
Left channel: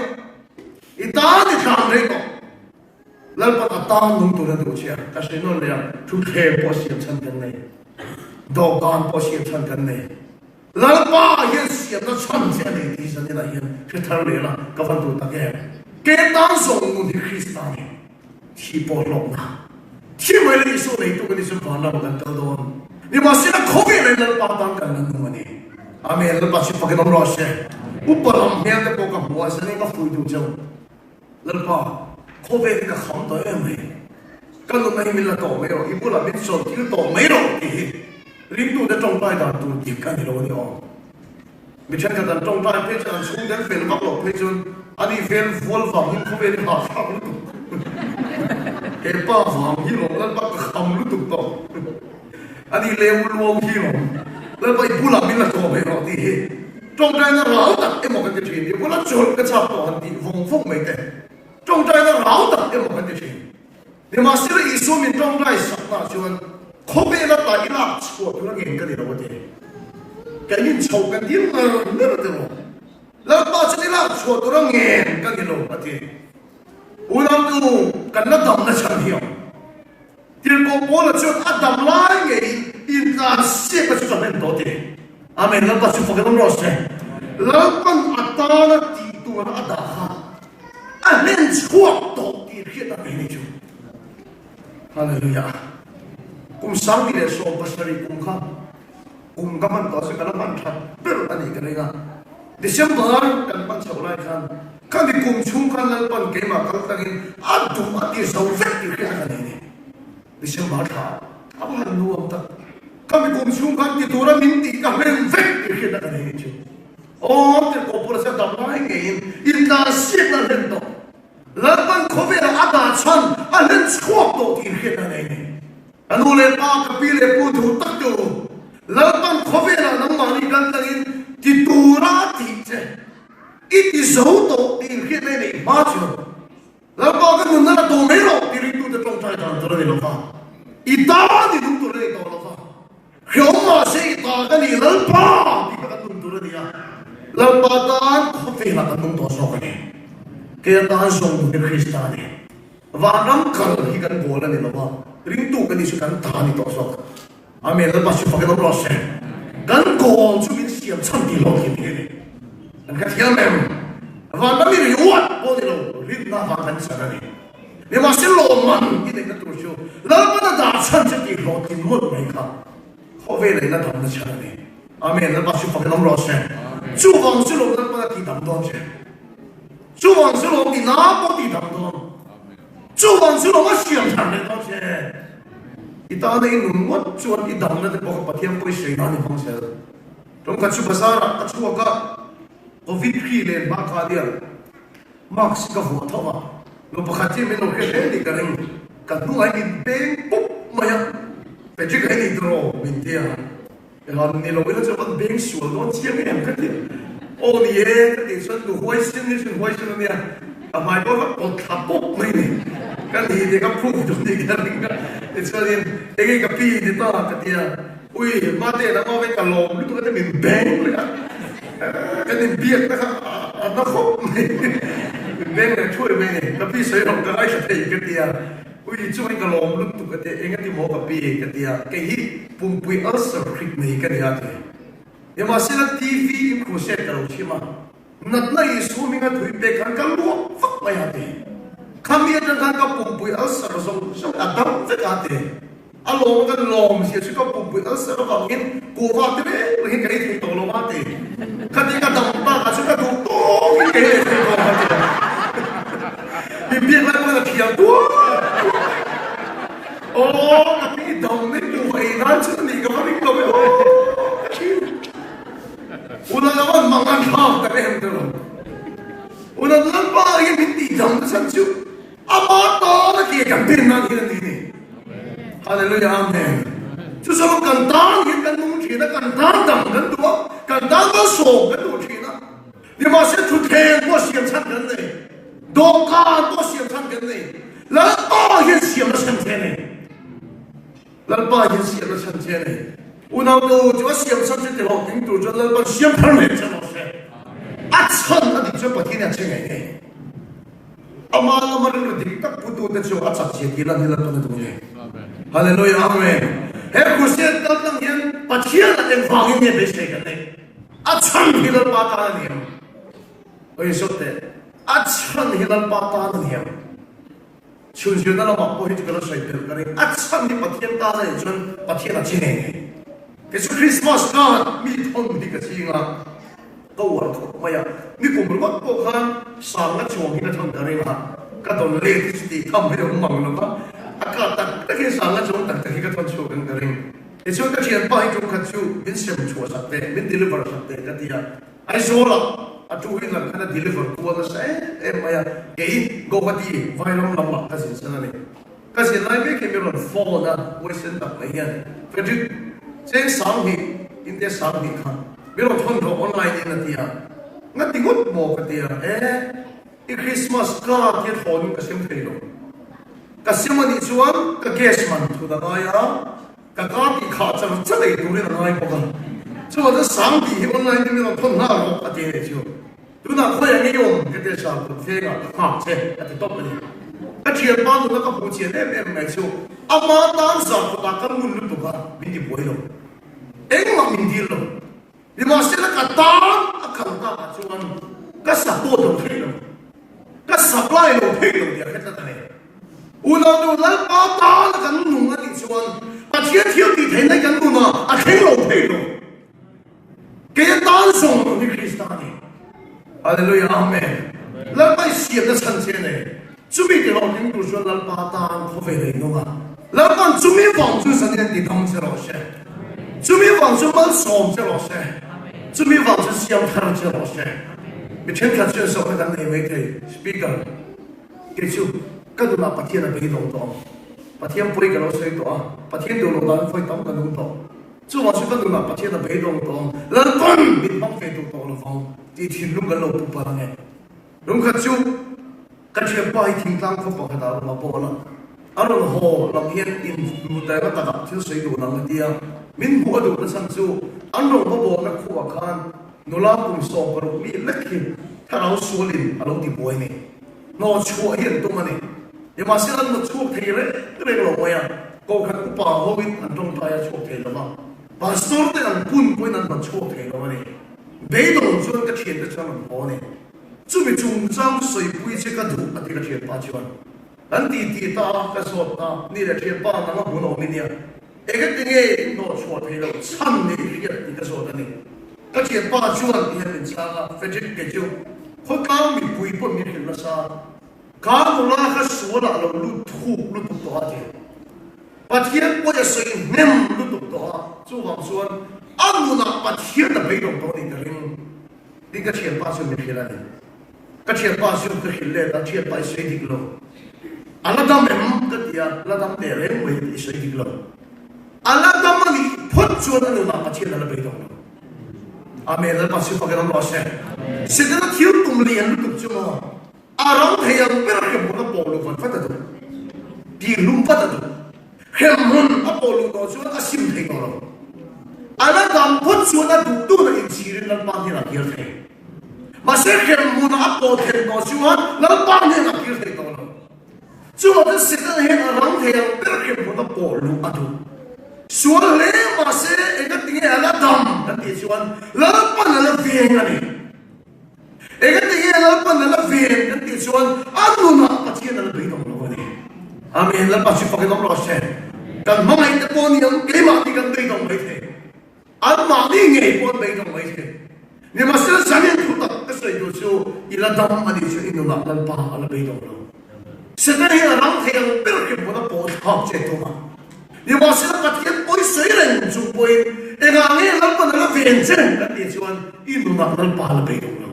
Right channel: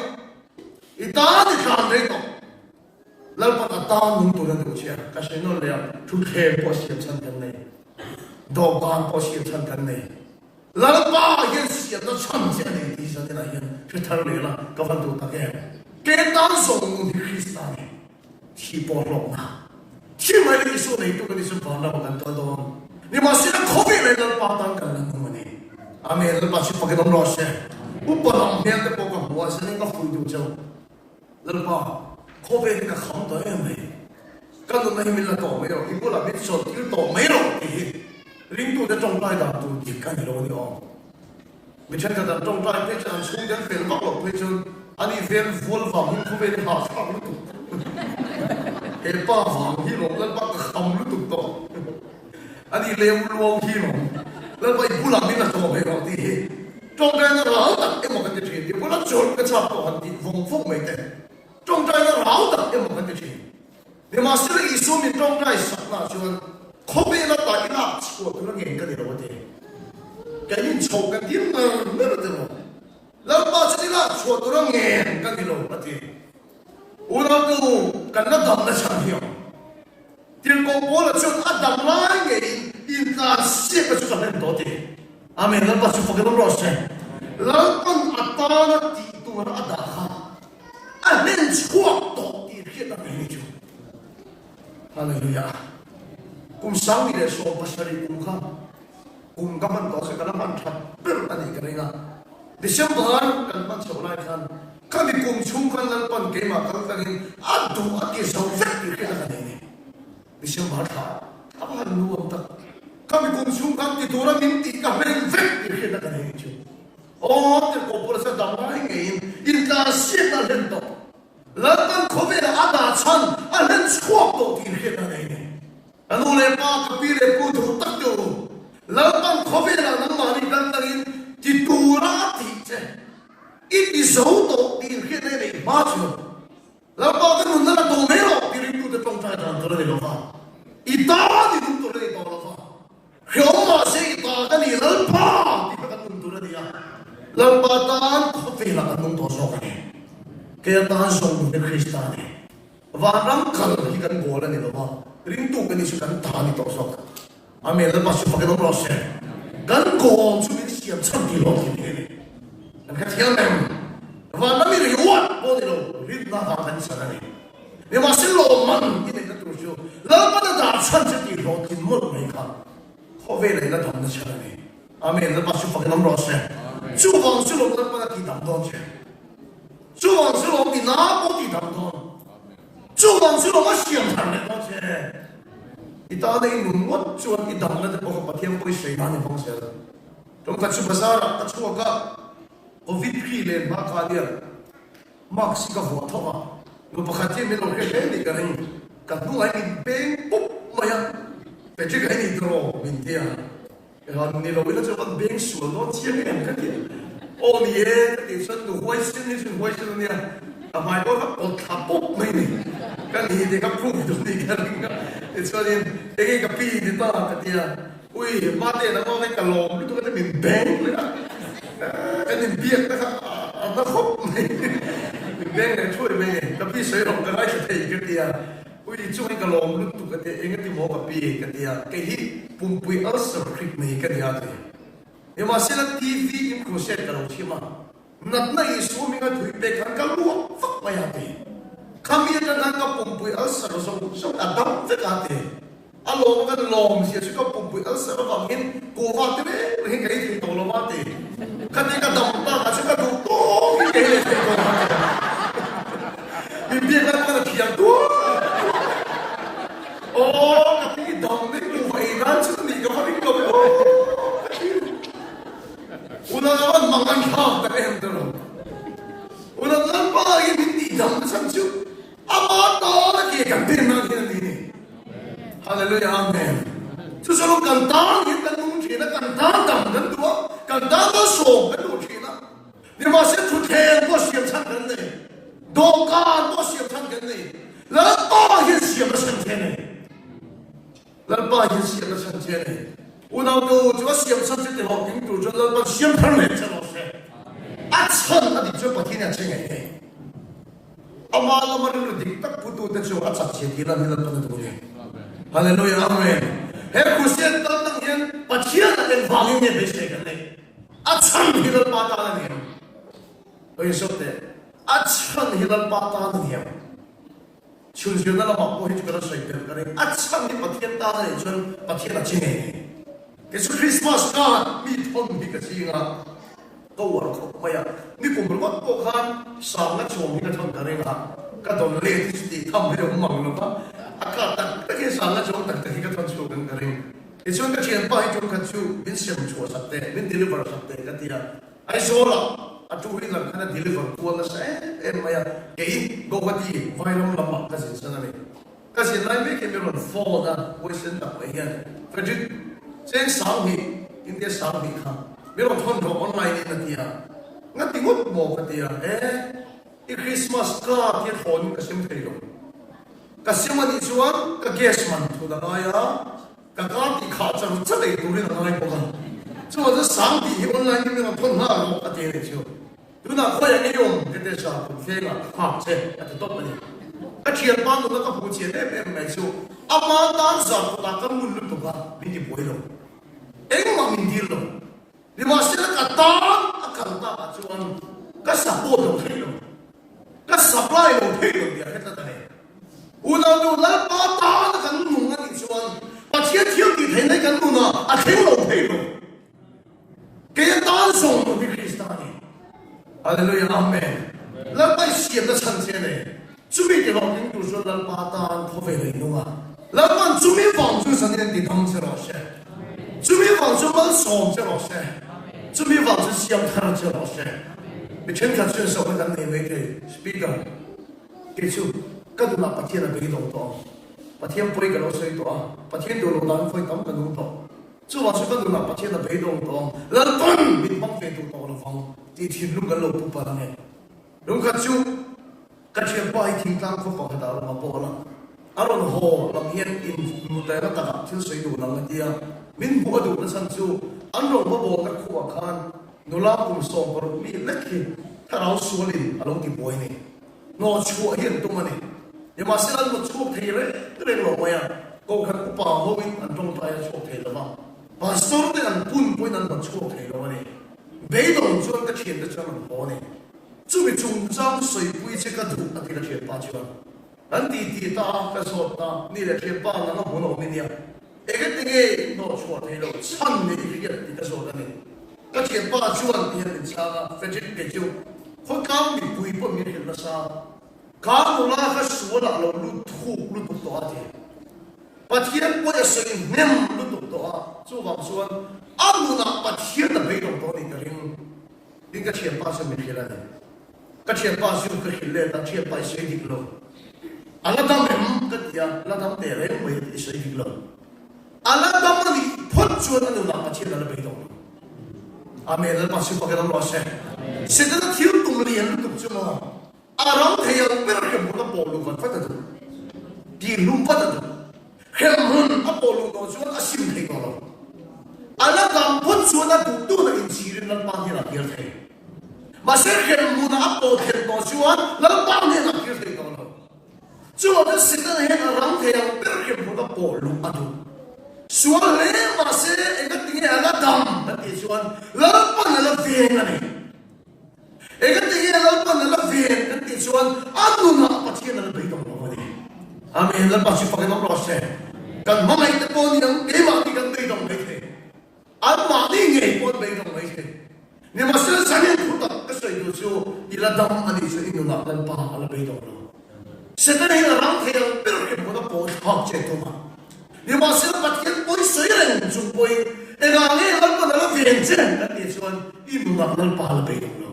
ita ni kam mereka. Lalu ta tu ren tu cia. Kasi no le tu he posiap sanjay ni, dogan posiap sanjay ni. Lalu yang siap dah sanjay ni di sana yang kita lihat kawan tu tak ke. Kita sungguh di Kristus ni, siapa lorna, siapa yang isu itu kan isu mana bukan tahu. Ni masih nak kopi lagi patang kan ni. Amin. Lepas itu pakai nomor saya. Upah yang kita bukan buat sini kita fudu jauh. Lepas kopi kita ham tu yang ni. Kalau nak minta tahu mereka, ibu lah besok kita tahu mereka ni. Rindu dah jompai dah tu ikan ni loh ni orang. Macam kata jompai pesan sungai film apa pesan, ani film full faham kopi ni tak faham tu. Kepa faham hilang, lepas ham tu tu. Ani lewat luang hilang, lepas ibu lah minta tahu mereka ni. Jompai ni rau tak, emang kan macam ni. Ibu lah jual kecap ni, fung mereka. Jompai ni rau tak, emang kan macam ni. Dia masih lagi isu ni jompai sana cuman. Kopi nak tak ilah, semua tu lagi engkau tidak boleh. Kini cakap dia mana betul. Lepas ilah, semua tu lagi engkau tidak boleh. Orang tu kena dam dah cakap. Dia boleh cakap adam lagi, intan siapa cakap hendak dia. Amin. Lepas itu kita merasa. Lepas atana itu ada. Amin. Cakap tu dia kita ini. Haleluya. Kung sabi dia so pasari kungkaman ko sa kalaman siya pero tani kanina December kan pan sa ulay kan di kung sungkan na pan kay makakagin adto at isaw fakti kaya kanina December siya awan luwag ta kami kung sungkan kitura minti kami fakti kaya kanina siya o te ko pura sa damay ngayon intasip na lento laban ko vela ada chan alen swak to kaya kanina Anu lepas kapile putu tak tu, lapan kopi lah nama ni kantangin titura tice, ini zauto di kita ni macam, lapan kan mana tu mero diri tu terus cakap dalam terus lepas, ita di tu terus lepas, kau masih ita kan ni lepas di tu terus dia, lepatan kopi lah kan tu sok ni, kita sungguh Kristus ni, warang kalau kita bola ni lepas. Rindu kan isukan tahan itu sok. Amin. Lepas itu pakai nomor sen. Dan kau cuma siap cantik lagi ni. Dan kata yang Wala mi riwat po nilo. Rit na hakan sa kanya. Ni masih loman ini keterusyo. Lalu pada dasar jadi roti mul mereka. Kau vele na dalam dasar ni. Amin. Lepas itu pakai nomor sen. Cuma silo pada kita dong je. Cuma silo kita apa kita dong. Cuma silo masih yang sana dong je. Kita ada yang numot cuma kita dalam itu pokok patian boleh sebenarnya bangsa. Jom kacu besar, kacu agak Covid kile maka dia max ka foto ma lo pakati me lo ke ni kan katu ai ben pop maya peje ka ni dro mintia ela ni lo velo chapa ben su lo tia me kan dia o ni e so do hoisen ni ni a mai bo o tapo me kan ni ka pu do ni kan e so ni e ka pi ni ta ka dia ui mate na ko ka lo tu ka ni ben Kan biar kan ada kok, bener cuy bener, tapi saya orang kaya saya kerja, ui cuma kalau mulut tu kata, ingat di mau tapi kerja, kayak pumpui asal krik nih kerja tu, ya masih ada TV khusus kalau cuma, natna isu mingat hui dekan kalau fak bayar deh, kami ada tangkap pumpui asal so ada terkate. Along kan long siya suka pumpui asal bangin kuat deh, lagi kayak itu tolong mati. Ketika dampak suka tutup, kayak itu mati. Bibir kan mana kian tuh. Oh, tapi dalamnya juga enak sih nih kami kami. Udah lawan makan hal kayak itu. Udah tanpa yang binti dalam sanju. Apa tuh lagi yang benar ini? Haleluya, amin. Sesuatu kantang kita mungkin kantang dan dua กันดาวก็ส่งกันดูทีนะนี่มาเสียทุเทนก็เสียชันกันเลยดอกการก็เสียชันกันเลยแล้วก็ยังเสียมาชันเทนเลยแล้วก็ยังเสียมาชันเทนเลยอุณหภูมิจะว่าเสียมาชันเทนแต่ว่ายิ่งดูจนแล้วก็เสียพันเลยจะเราเสียอัดชันอันนี้จะปฏิเสธยังไงเนี่ยอามาละมันรู้ดิกับผู้ดูแต่ชัวร์อัดชันเสียกี่ล้านนี่ละตัวนึงเลยฮาเลลูยาอาเมนเฮ้ยคุณเสียตั้งแต่ยังปฏิเสธแต่ฟังยังไม่เสียกันเลยอัดชันที่เราปาตาเนี่ยโอ้ยสุดเลยอัดชันที่เราปาตาเนี่ยชื่อชื่อนั่นเราบอกว่าที่เราใช้เดิมกันเลยอัดชันที่ปฏิเสธตาเนี่ยจนปฏิเสธจริงเนี่ยก็คือคริสต์มาสก็มีคนมีกระชิงอ่ะก็ว่าไม่อะนี่ผมรู้ว่าพวกเขาสร้างและชมที่เราทำกันเลยนะก็ต้องเลี้ยงสติทำให้เรามั่งนะครับอากาศต่างก็คือสร้างและชมต่างที่ก็ทำโชว์กันกันเลยไอ้ช่วงก็เชียร์ป้ายจงขัดชูมินเซมชัวร์สักเตะมินดิลิเวอร์สักเตะกันที่อ่ะไอ้โซ่ละอ่ะจูวินละกันดิลิเวอร์ตัวละใช่ไม่อะเอ้ยก็ว่าดีไวรัลลำบากก็สิ่งนั้นเลยก็สิ่งนั้นไม่แค่มีเราฟอลนะวันเสาร์ไปยันเพราะฉะนั้นเส้นสามหินอินเดียสามหินครับมีเราทนกับออนไลน์นี่นะงั้นที่วุฒิบอกกันที่อีคริสต์มาสก็ที่ทนกับเซมเฟโลกับเซมันที่ชวนกับเกสมันทุกอย่างกับการที่ขาดจะรู้ได้ดูเรื่องอะไรบ้างชวนจะสามที่ออนไลน์นี่เราทนหน้าเรากันที่เชียวดูน่าคุยกันยงกันที่ชาวคนเฟ่กันขาดเช่กันที่ต้องไปเนี่ยก็เชียร์บ้านแล้วก็ผู้เชียร์เนี่ยไม่ชัวร์อามาตามสารก็ตามกันมุ่งลุตุกันมินที่ป่วยลงเอ็งมามินดีลงนี่มาเสียกันตามakan tak cuman kasabot ng hilo kasablay ng hilo dia kita tadi ulang pata kan nungan ni cuman atia di tenai kan nuna akhelo hilo kaya tansong ni Kristani haleluya amen labai siap da chanche ne chumi de long ning du shuan lan pata ko ve le nunga laban chumi wang chu san ne di tang che lo she chumi wang chu ma som che lo she这边房子相当的老师，你全场选手会当哪位的 speaker？ 给出各种把天的被动到，把天不会给老师多，把天丢了人会当个弄到，做完全部都把天的被动到，人本民方非都到了方，地铁路个路不办的，龙克就，跟着把一天当可把他打了包了。阿龙河那边因在那大就水土那个地方，民国都不上住，阿龙河波那库瓦看，努拉公说过米那个，他老说哩，阿龙的不会呢，那错也多嘛呢，你嘛现在那错题了，对了我呀，我看不把后面那种大家错题了嘛，把所有的人滚滚那错题了嘛呢，被动就那个钱的就能好呢，这个中章水不这个土，那这个钱八千。อันที่ตากระสอบตานี่แหละเชื่อป้านั่งหัวหนองนี่เนี่ยเอกติเงยโน้ชวดให้เราช่างนี่เรื่องที่กระสอบนี่ก็เชื่อป้าชวนที่เป็นชาเฟจิเกจิวคนกลางมีปุยปุ่นมีหินละซาการตุลาก็สวดเราลุทุกลุตุตัวเดียวปะเทียนก็จะสิ่งเน้นลุตุตัวจู่หวังส่วนอันนู้นปะเทียนแต่ไม่ต้องตัวนี้กันเลยนี่ก็เชื่อป้าชวนมีหินละเนี่ยก็เชื่อป้าชวนก็หินเลยก็เชื่อป้าเสียดีกว่าAllah dah memang ketia, Allah dah mereng boleh istri kita. Allah dah mani pun jualan lu nak macam mana begitu. Amin. Allah masih pakai nama Allah. Sedang tiup pembelian itu cuma orang yang berkem bukan bolu kan pada tu. Di lupa tu. Kemun apa bolu tu jualan asim tengok. Allah dah pun jualan tu nak insiri nak bagi nak dia tengok. Masih kemun apa tengok jualan nak bagi nak dia tengok. 做的是个人让他别人不得暴露啊！都说来嘛是一个地方那当那地方，老板那边那里，一个地方老板那边那地方，安路那把钱那被动了的，阿弥那把去放给老师，但买的过年给嘛的跟被动没得，俺买的也不被动没得，你嘛是上面土的，个水都说伊拉当阿地说伊就拿那把阿拉被动了。 Sekarang orang yang berkem pada pohon itu mah, dia masih dapat yang boleh sering jumpai, enggak ni lalu pada venture, nanti cuman itu nak lalu pahala berikutnya.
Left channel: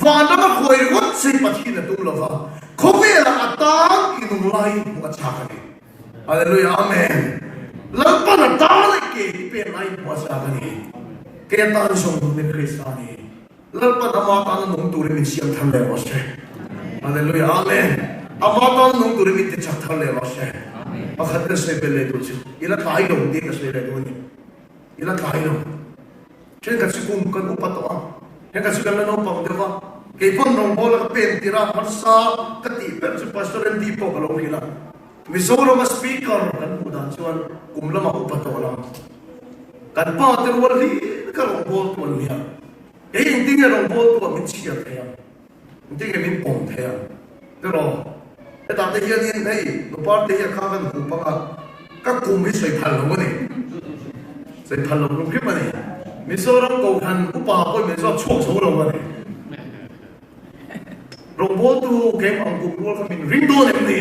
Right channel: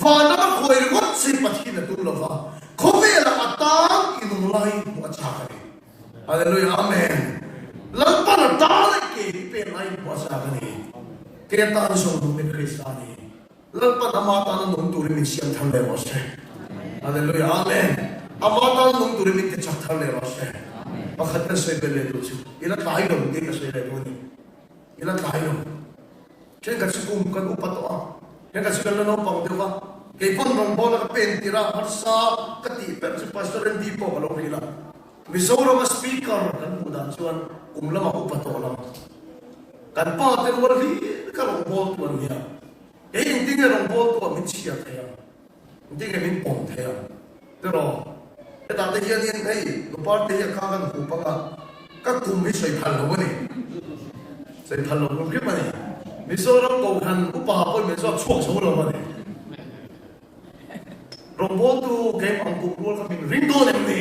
Faham tak kau ikut sih pasti itu lah faham. Kau bela atang itu mulai buat cakap. Haleluya, amin. Lalu pada tahun ke bela buat cakap ni. kaya tayo sa mga Kristani. Lalpat ang mga tayo nung turimit siyang talay mo siya. Hallelujah, amen. Ang mga tayo nung turimit siyang talay mo siya. Pagkat na siya peledo siya. Ilang kayo, hindi ka siya peledo niya. Ilang kayo. Siya kasi kung kan upat o ang. Siya kasi kalanaw pa, di ba? Kaya kung nung bola ka pentira, sa katiper, si Pastor hindi po, alam ko ilang. Misora mas speaker, kan po dahil siya, kung lang ako upat o lang. Kan pater wala di karong bolt niya. Eh hindi nga rong bolt ko min siya kaya. Hindi nga min pong kaya. Pero dati yan din ay no parte ya kagan ko pa ka kumi sa talo ni. Sa talo ko kaya man. Misorang ko han ko pa ko miso chuo so ro man. Rong bolt ko kaya ang ko min rindo ni.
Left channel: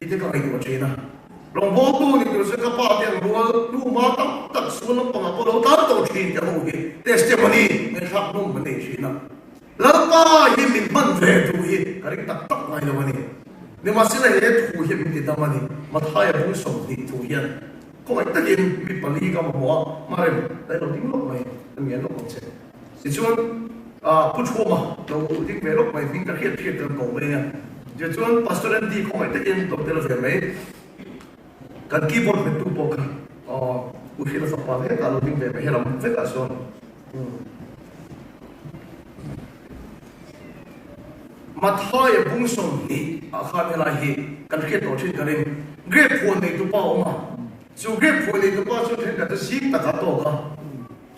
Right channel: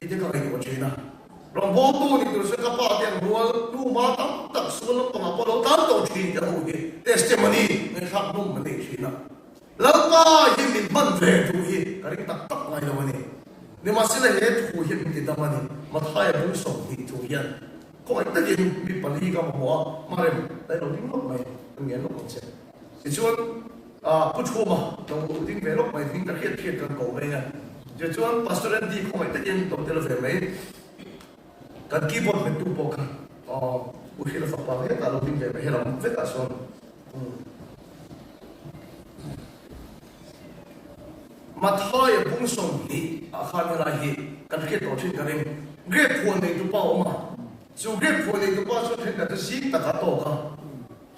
Ito ka kayo China. Rong boto ni Kristo sa kapatid ang lumatang takso ng pangapolo tanto siya ang uwi. Testimony ng sakong mani siya. Laka hindi man vedo uwi. Karing taktak na naman eh. Ni masila heto uwi hindi naman eh. Mataya busong dito yan. Kung ay tagin, may paliga mo marim. Dahil hindi mo may nangyano ko siya. Sisuan, puchoma. Hindi merok may vintage ang pawin niya. Sisuan, pastor hindi ko may tagin Dr. Vermey. Kan keyboard में तू पोकर उसी का सपना है कालो दिन में हेरा मुझे कासों mathoy bungsong hi akhamela hi kan ke to chi kare great phone ni tu pa oma so great phone ni tu pa so the ka si ta ka to ka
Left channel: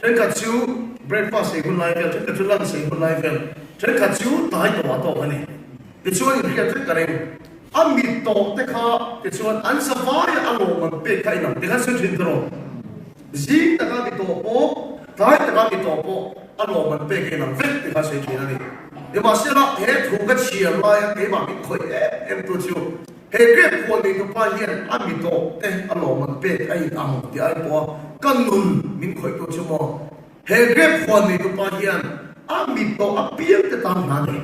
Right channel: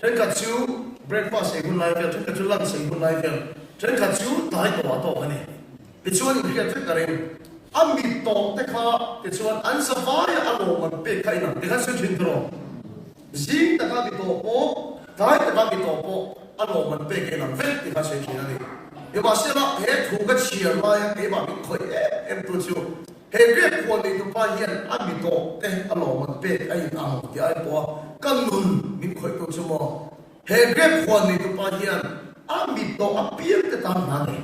chen ka chu breakfast e gun life chen ka chu lunch e gun life chen ka chu dai to to ani ke chu ni ka chu kare Amit to teka tesuan ansafay alo magpe kay ng tigasun sindro. Zing taga bito po, tayo taga bito po, alo magpe kay ng vet tigasun sindro. Yung masira he hugat siya may kay mami ko entusiyo. He get po ni tupalyan amito alo magpe kay ng di ay po kanun min ko ito mo. He get po ni tupalyan amito apir tetang mani.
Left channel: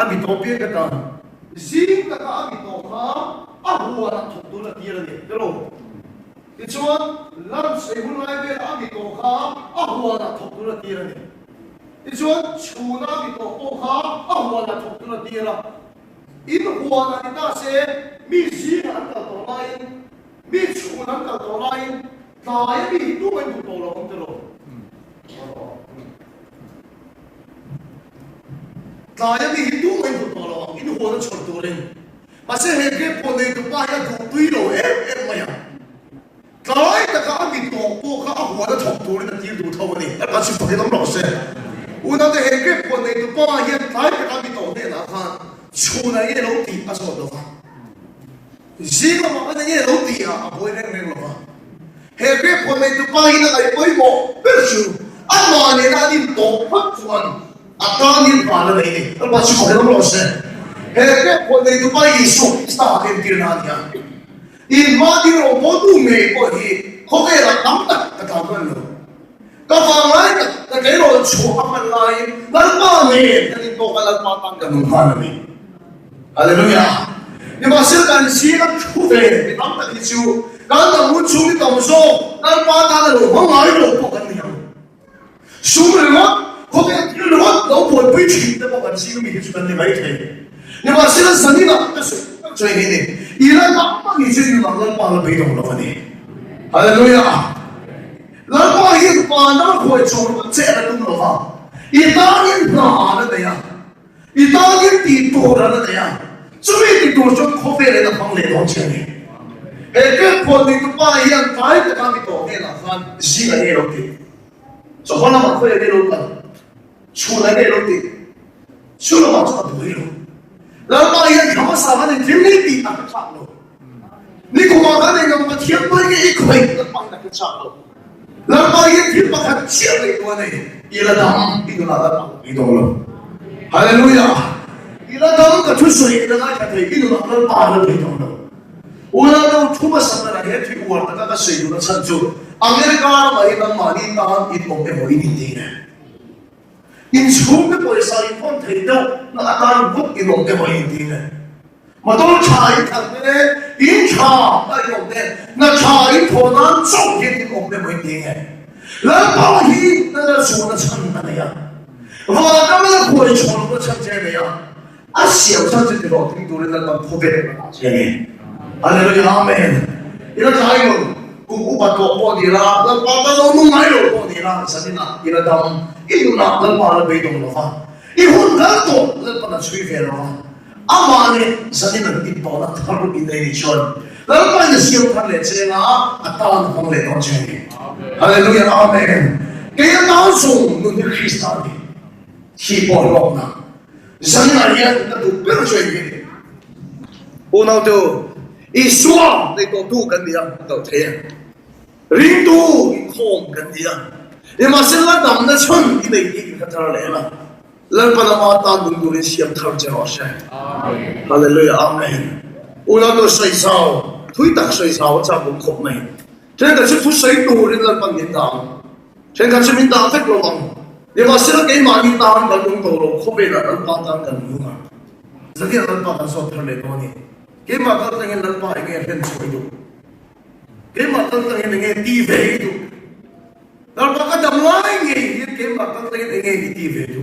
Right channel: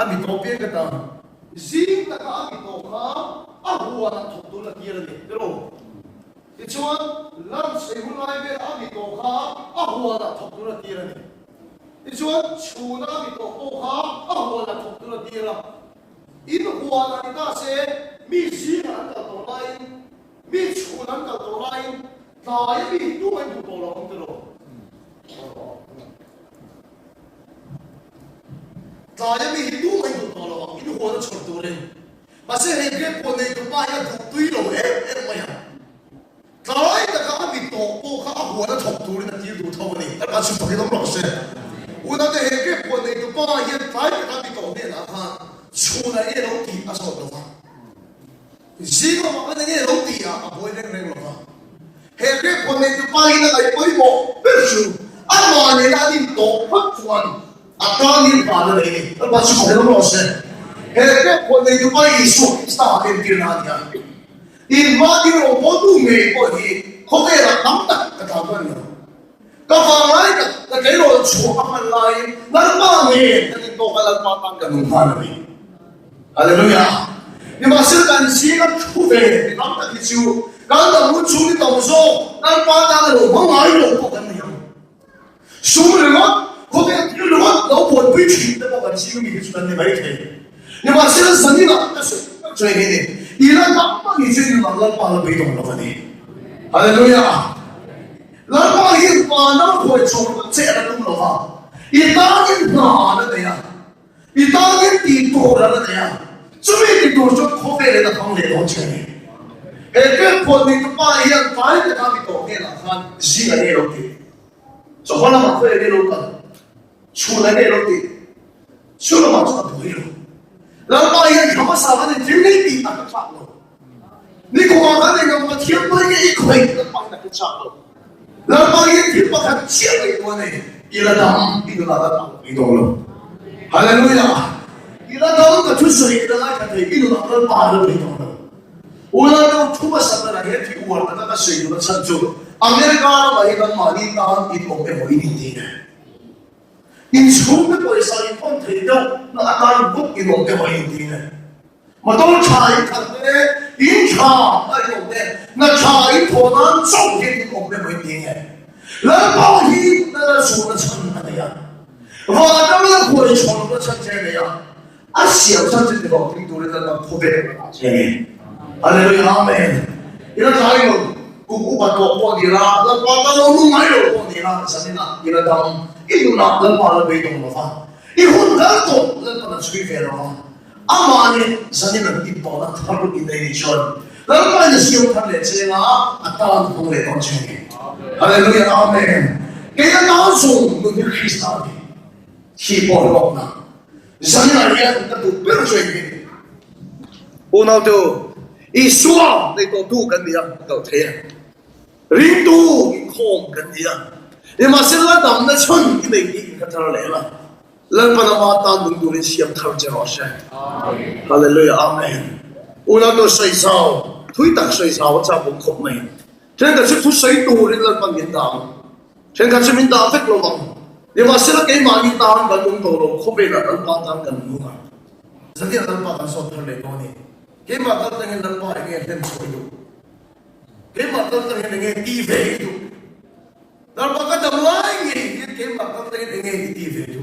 Amito apir tetang Zing nakaabito ka, ahuwa ng tukto na tira niya. Pero, itoan, lunch ay hulay bel abito ka, ahuwa ng tukto na tira niya. Itoan, chuna abito ko ka, ahuwa ng tukto na tira. Inukuha na nita si, mi zing ang kaltolain, mi chuna ang kaltolain, tayo mi hito ay butola kong tiro. Tayo mi hito ay butola kong inukuha na chorturin. Kasi higit po na ito pa yan kung tuyo maya. Tayo nakaabito po ka ahuwa na chorturin at yung dutaw ni. At kasi po kitang lose. Una na higit po na ito pa yan tayo nakaabito na ka. Chuna ilo ti aso do ka. Zima mga na ilo ti aboy na rin ka. Higit po na ito pa yan ay boy mo. Pero ama nila dito pagkuhan. Akanin pala na ini. At kasi po kitang lose. Heke po na ito pa iso, isa akin kirnanya. Ilmati ro po tume po hi, kokera kamtak kataman no. Kapangay ka kayo cho amalay, nalmangin na ito kalagmatang ganun hanami. Hallelujah. Di ba sila silang chuve, kamtak isu, kanda mucho ni tamuso, nalpata na lo, mga ilo po kaniyang. Sumulungan, kokera tinulungan, daw po preaching na po kanisiyo mihichunan ni Maite. Ni masih sendiri nak so ini ilan apa ngisi lawan pala bidong lawan ni haleluya lawan ini pana ko chong cera tum lawan itangin na ana daya itangin tito ana daya sumi tito so khopere da pang le dong cheni eke po ni pa yan pai da kami to ke la khan jiga ne roki so kona ma ko ne roka chula ne roki chula ma sa buiro Lama yan kamasama ng Trinity at Chaplo. Ni kumaka na yung matiyang mo yung ikoy at pang nakachaplo. Lama yan yung makachiyang na ito na yun. Iladang inuladan ang idolo. Hallelujah! Iladang katusoy na nakatay inuladan para ng idolo. Una daw tumasama na yan tiguan na nakasay ng Sancho. Amerika may ibang malita itong pero hindi na. Insume po sa ipon trino na akalubot ilong dewa hindi na. Matol chay kate, incha ayong de, na chay po ng songkin ilong dewa hindi na. lần bao hi là số nó chẳng này à và các bạn quay chọn nó chẳng thế này à à siêu chẳng thế đó thì tôi lên là phô bày mà thế Hallelujah amen 이런 자유는 구구가 또 어디라 너가 너무 많이로 어디라 사실나 이런 다음 이누나 너가 배경으로 이 혼자도 너가 수입해로 아마니 사실은 이보다 다른 인내이션 너가 이제 시험할 제가 아따운 공례 도중에 할렐루야 아멘 그냥 나와서 너는 크리스찬이 희보로나 사실은 이게 또 별로줘야 돼 오늘도 이 수아 내가 두 간디야 또 돼. 린도 콩 간디야. 이 마실라 담나 천 이네 이 카타라레라. lalpanama ta mundurin siam thar jeroshe. Hallelujah amen. Unato saisao thui tak saisao cha bung khop mai. Chen ka chu sai tu rin lalpan yin dang. Chen ka chimin da fek lo wang. Ni masila ke ma ni ta an bung to ro khobe la lalpa ta kan lunga. Zakia lalpa kan so thar le to ni. Ke ma ka tangin lalpa ke hen so du. Ke ma ka tangin nge ti ve du. Lalpa ka dam lai nge ke ma ka tangin nge ti ve du.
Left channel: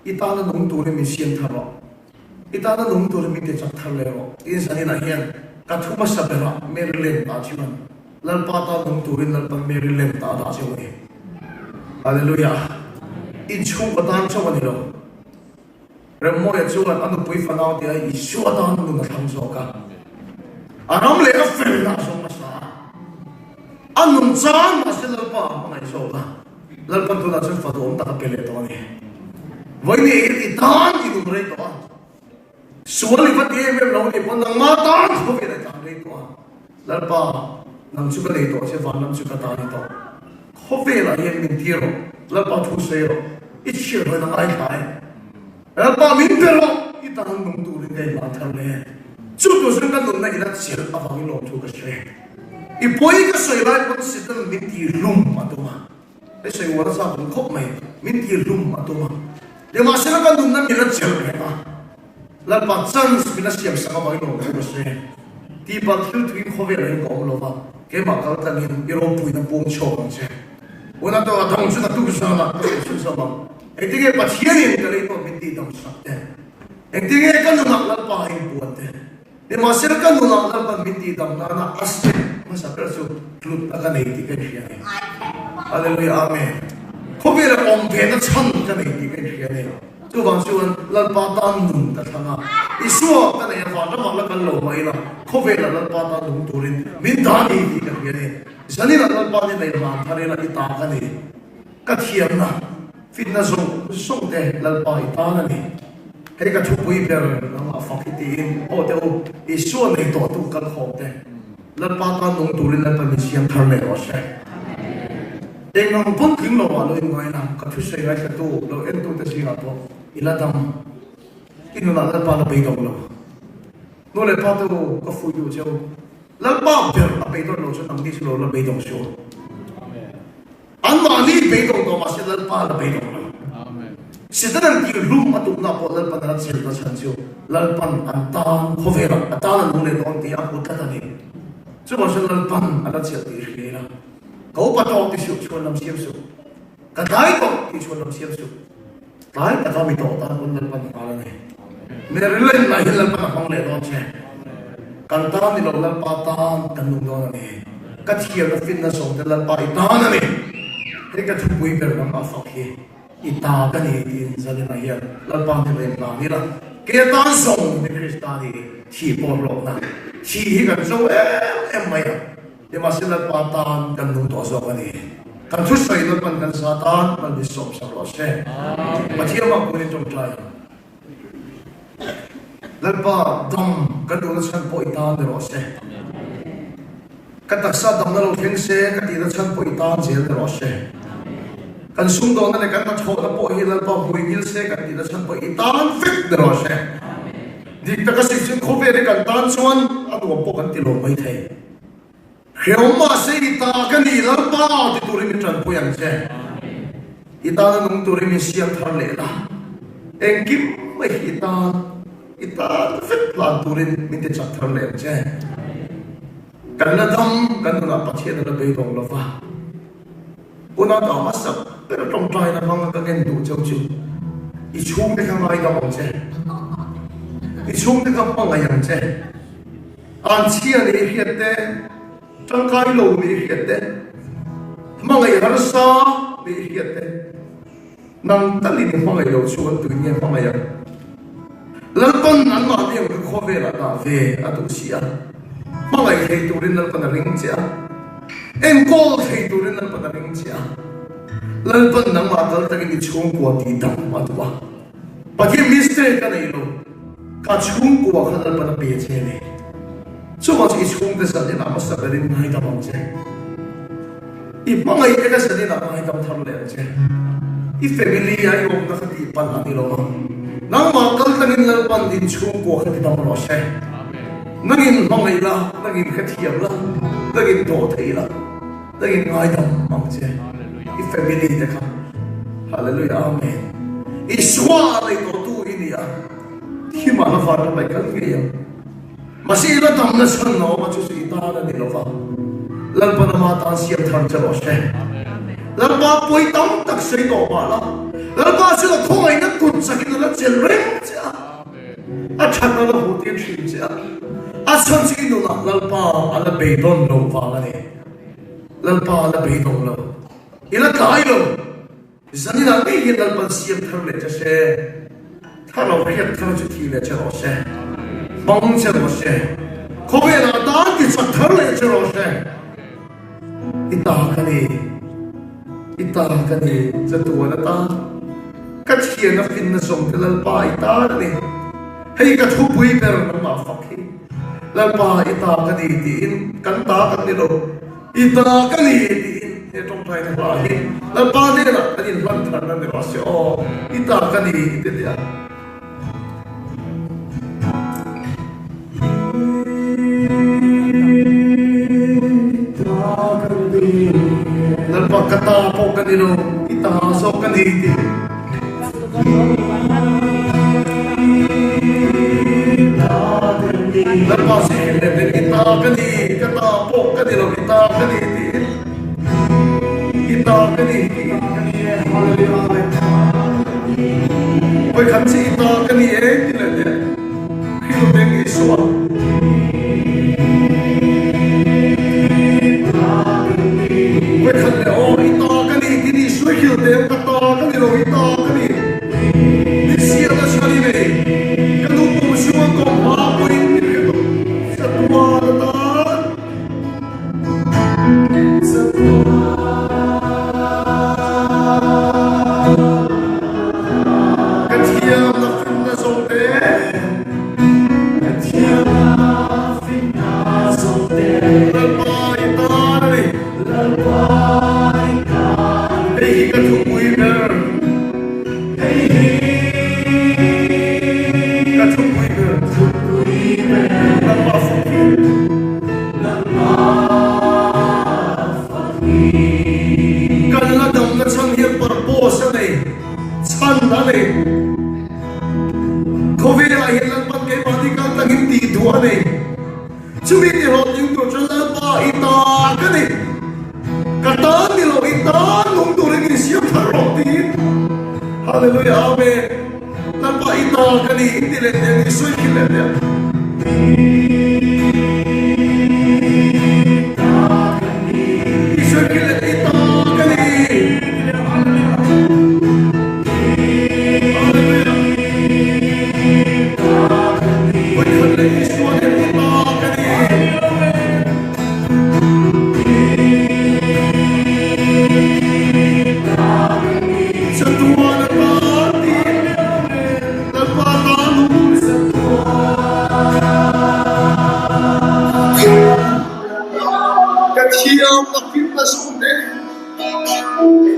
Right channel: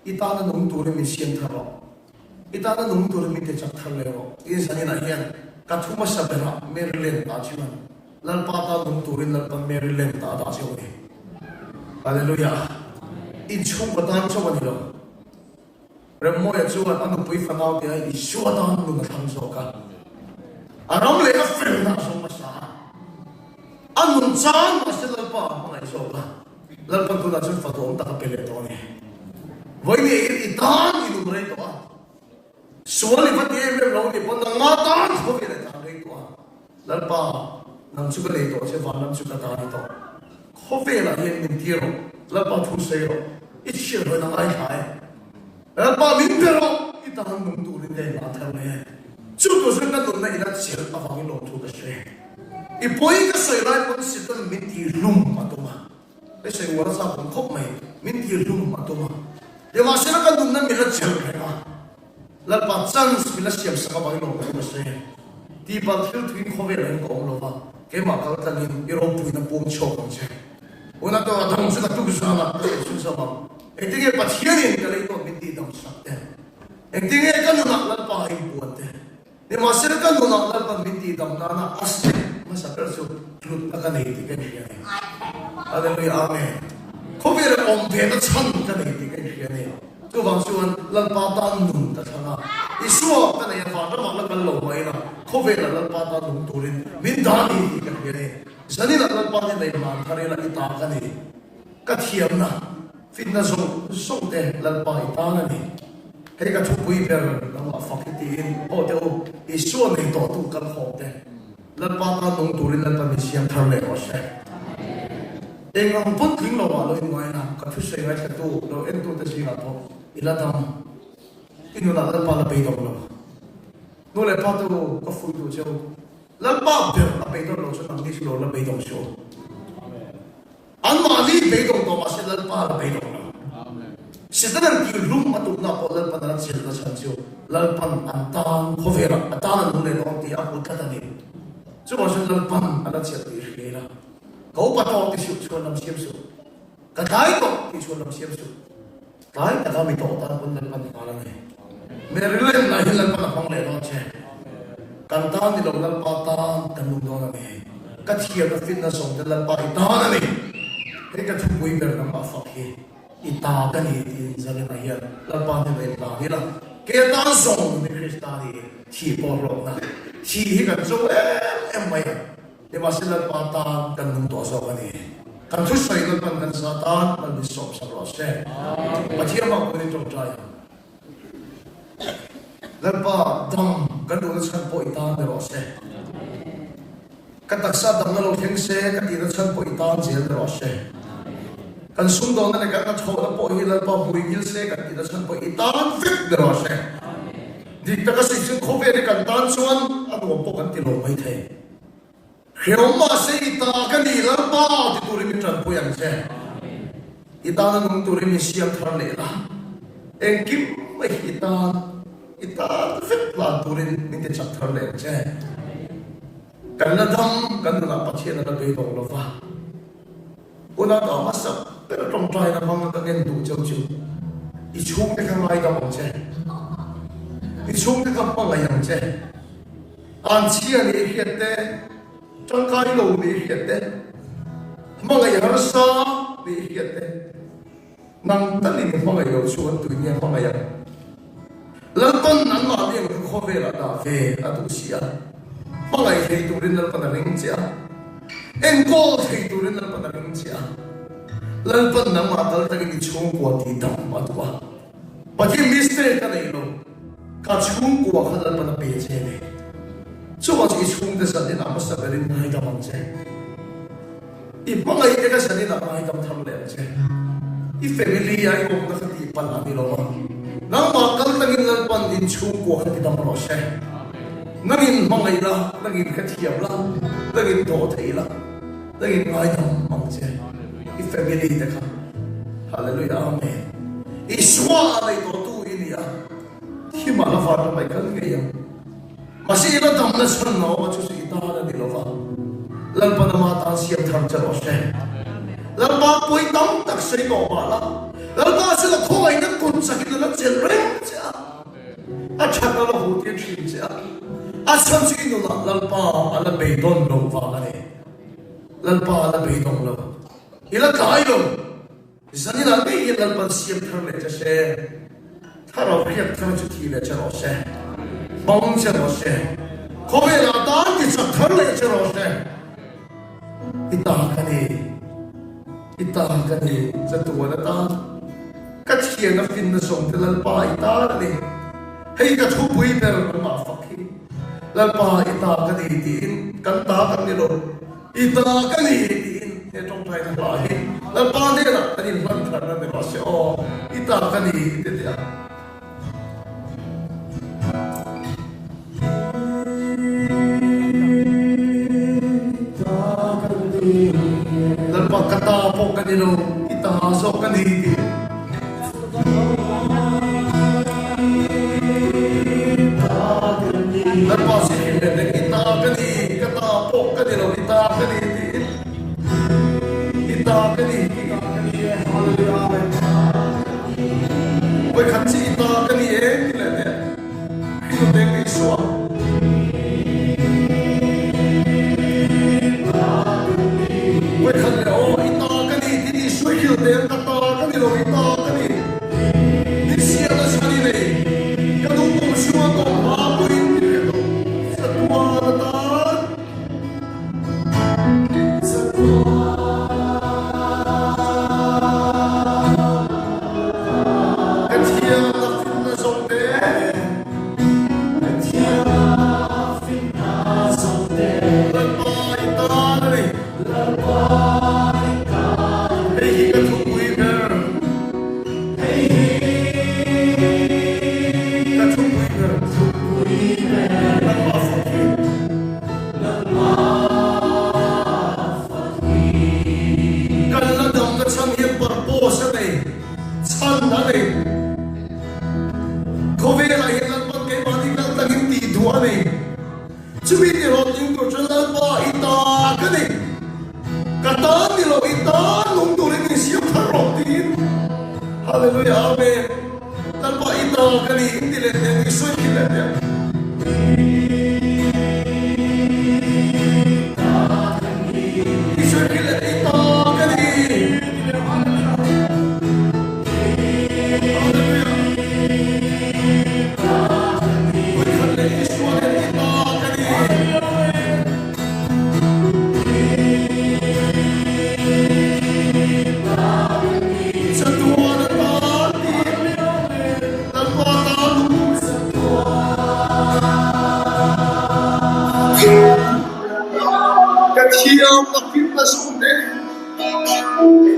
Itana nung turin mi siyan tharo. Itana nung turin mi kecap thalero. Insan ina hiyan katuma sabera Maryland achiman. Lalpata nung turin lalpan Maryland ta achiman. Hallelujah. Inchung batan chawan nilo. Remo ya chuan anu pui fanao dia isu atan nung thamso ka. Anam le ka ferna so sa. Anun chan masil lalpa ngai so ka. Lalpan tu na sun fatom ta kele to ni. Với này thì tan thì đúng đấy đó. Số này vẫn đi về lâu thì vẫn đang mà tan không phải là tan đấy đó. Lần ba năm chục cái đấy đó sẽ vào năm chục cái tan đấy đó. Không phải là hiện mình tiêu, lần ba thu xây rồi, ít chuyện hơn là ai khai. Lần ba mình tiêu rồi, ít tan nông tu đến đây mà thằng này. Chút đồ sinh cái đồ này là chỉ là vào cái lòng chục cái xây. Ít bôi cái xây lại cũng sẽ cần mình tiêu lum mà thôi mà. Cái xây vào ra cũng không mày, mình tiêu lum mà thôi mà. Dia masyarakat dunia minat jernih, lepas chance minat siap sama bagi orang bersih. Tiba tiba tuin kau yang kau loba, kemak kalau tadi orang punya pungcong je. Orang tu ada sudah tu sama, sudah sama. Intinya pasien yang kalau itu binti dalam sakit. Intinya kan nak lepas yang buat deh. Dia masyarakat dunia lepas binti dalam anak asli masa kerja tuh akan itu kan. Hallelujah amen. Kau yang orang beda cang kan itu kan.就講說咱巴丹農得嘛，伊說跟你話都話得跟路位啦，可非là咱巴丹農多啲，免打你啲嘅嘢，所以咱巴丹嚟嘛，睇你啦，你打緊你，個甜啦，fit na送嘅咱巴丹啦你，喺個出杯邊，咁啊發啲啲，我都伊說你多都更好嘅，咱巴丹農多啲，咱巴丹先睇嚟我先。Dengan pun tinggal walau ini mana, kafir saya itu, lo itu tersirat po, iladam, ini lah lalpa lebih dulu, lo lalpa tu kafir tu jauh, lalpa lebih dulu, so nanti sih lo lebih dulu so, anmali lebih dulu masih lalpa lebih dulu, setelah di rumah tu nak po lalpa nak cerita sanjung, lalpa antang kafir, antang nule orang dia aku kata ni, coba so lalpa ada cerita ini lah. Kau patau di suatu dalam siapa? Kadai tu di suatu dalam siapa? Kadai patau di tu tak pun dalam kepala ni. Mereka lahir dalam kepala ni macam. Kadang di dalam patah dan dalam ni. Kecil fitness dalam patah ni. Mereka tu boleh berapa fakir. Ita kan ini jadi lahir dalam patah ni lahir. Kita zong di Kristani. Cipor lona. Cipor zong emaya. Dia masih lepatan dan untuk asal ni. Kan susah itu kan satan dan disop saroshe. Macam apa pun itu terjadi. Lepas dam kan urusan poitan deroshe. Kata sadam lalu fingse kan urusan poitan sih deroshe. Kan sungguh nanti kata छोड़ा पोही lepas poibil se kan urusan poitan fit deroshe. Di tengah sisi kopi kan tansuan atau apa kan tilo poite. Kalau masih kita kan di dalam di turin macam puyan je, kita nung turin siang terlelah. Engkip kita fit plan turin minta cat terlelah je. Karena dam kan nak pasien ada bedong lava. Una da masa pero trong trai na mang ta gen du chau chu I chung de ka mai ka bang che I chung de ka pang ayang che an chia ni hiat te trong kai lo ni hiat te mang ay har sa ni hiat te nang ta ni mang ay lo chuan tu ni mang ay lan ton nan ma ni ko kho ve la ta ve atu sia mang ay hei tu rin na ta ring chia en ko hei tu rin na ta ring chia lalpan na matal tagi chung ko ti dam matwa pagi mistake ka nei lo ka chung ko ka lalpan na pe che ne so was is chung de sa din amas ta rin mai ta mong che I mangai ka sa din na mai ta tham le che I family ai ko ka ti pan ani lo nang matal tagi lalpan din chung ko ka ti dam lo che nagin mangai la nagin ka thiam la nagin do thei la nagin mai ta mong che I family de ka hallelujah amen iswa ai ko tu ini ya hi ma na fara bai kan ge ya masi ila tam na sun no ma chu si ta na ni lo ka lal pa na ma ta si tham cha ro she lal ma poi tam tak se ko ma la lal pa se ko thoi na kun sa ki la chel re cha a cha na lo hu ti chi cha a san si no la lal pa ala be don lo va ne lal pa ala be don lo ila tayo zani na be ye dal pan siam thar le che tha ro ye thar chu thi le che ro she bong che ro she ko be na ta ki sa thar le che ro she ita ka ni cha tu na ta ka chi na fin na song te lal pa ita ni hei ka thu pui per no ma fa ki lal pa ita ka ni tin kan ta ka ni lo ita ka ni ये तो ट्राई कर रहा है अब बाद में ना कहीं लंच करने में बस ओ इतना कहीं इतने दिया लंबा कटा पोक निलो इतना सो कहीं लंबा से लेकिन इतना कहीं कटा पोक निलो इतना कहीं Ôi khánh sĩ to cái gì ấy thì là thế khi mà bên cái xóa ôi khánh là ô cái to cái gì suy hiểu thế cái to cái gì rồi cái to cái gì cái xia nó sao đi này cái đúng cũng xua còn quá bụi rất quá ta rất quá Hallelujah, amen. Tanpa ito, kani hindi lang yan, isuwi kita yan. Isuwi kita ito, kani. Katiam na fitness kunde.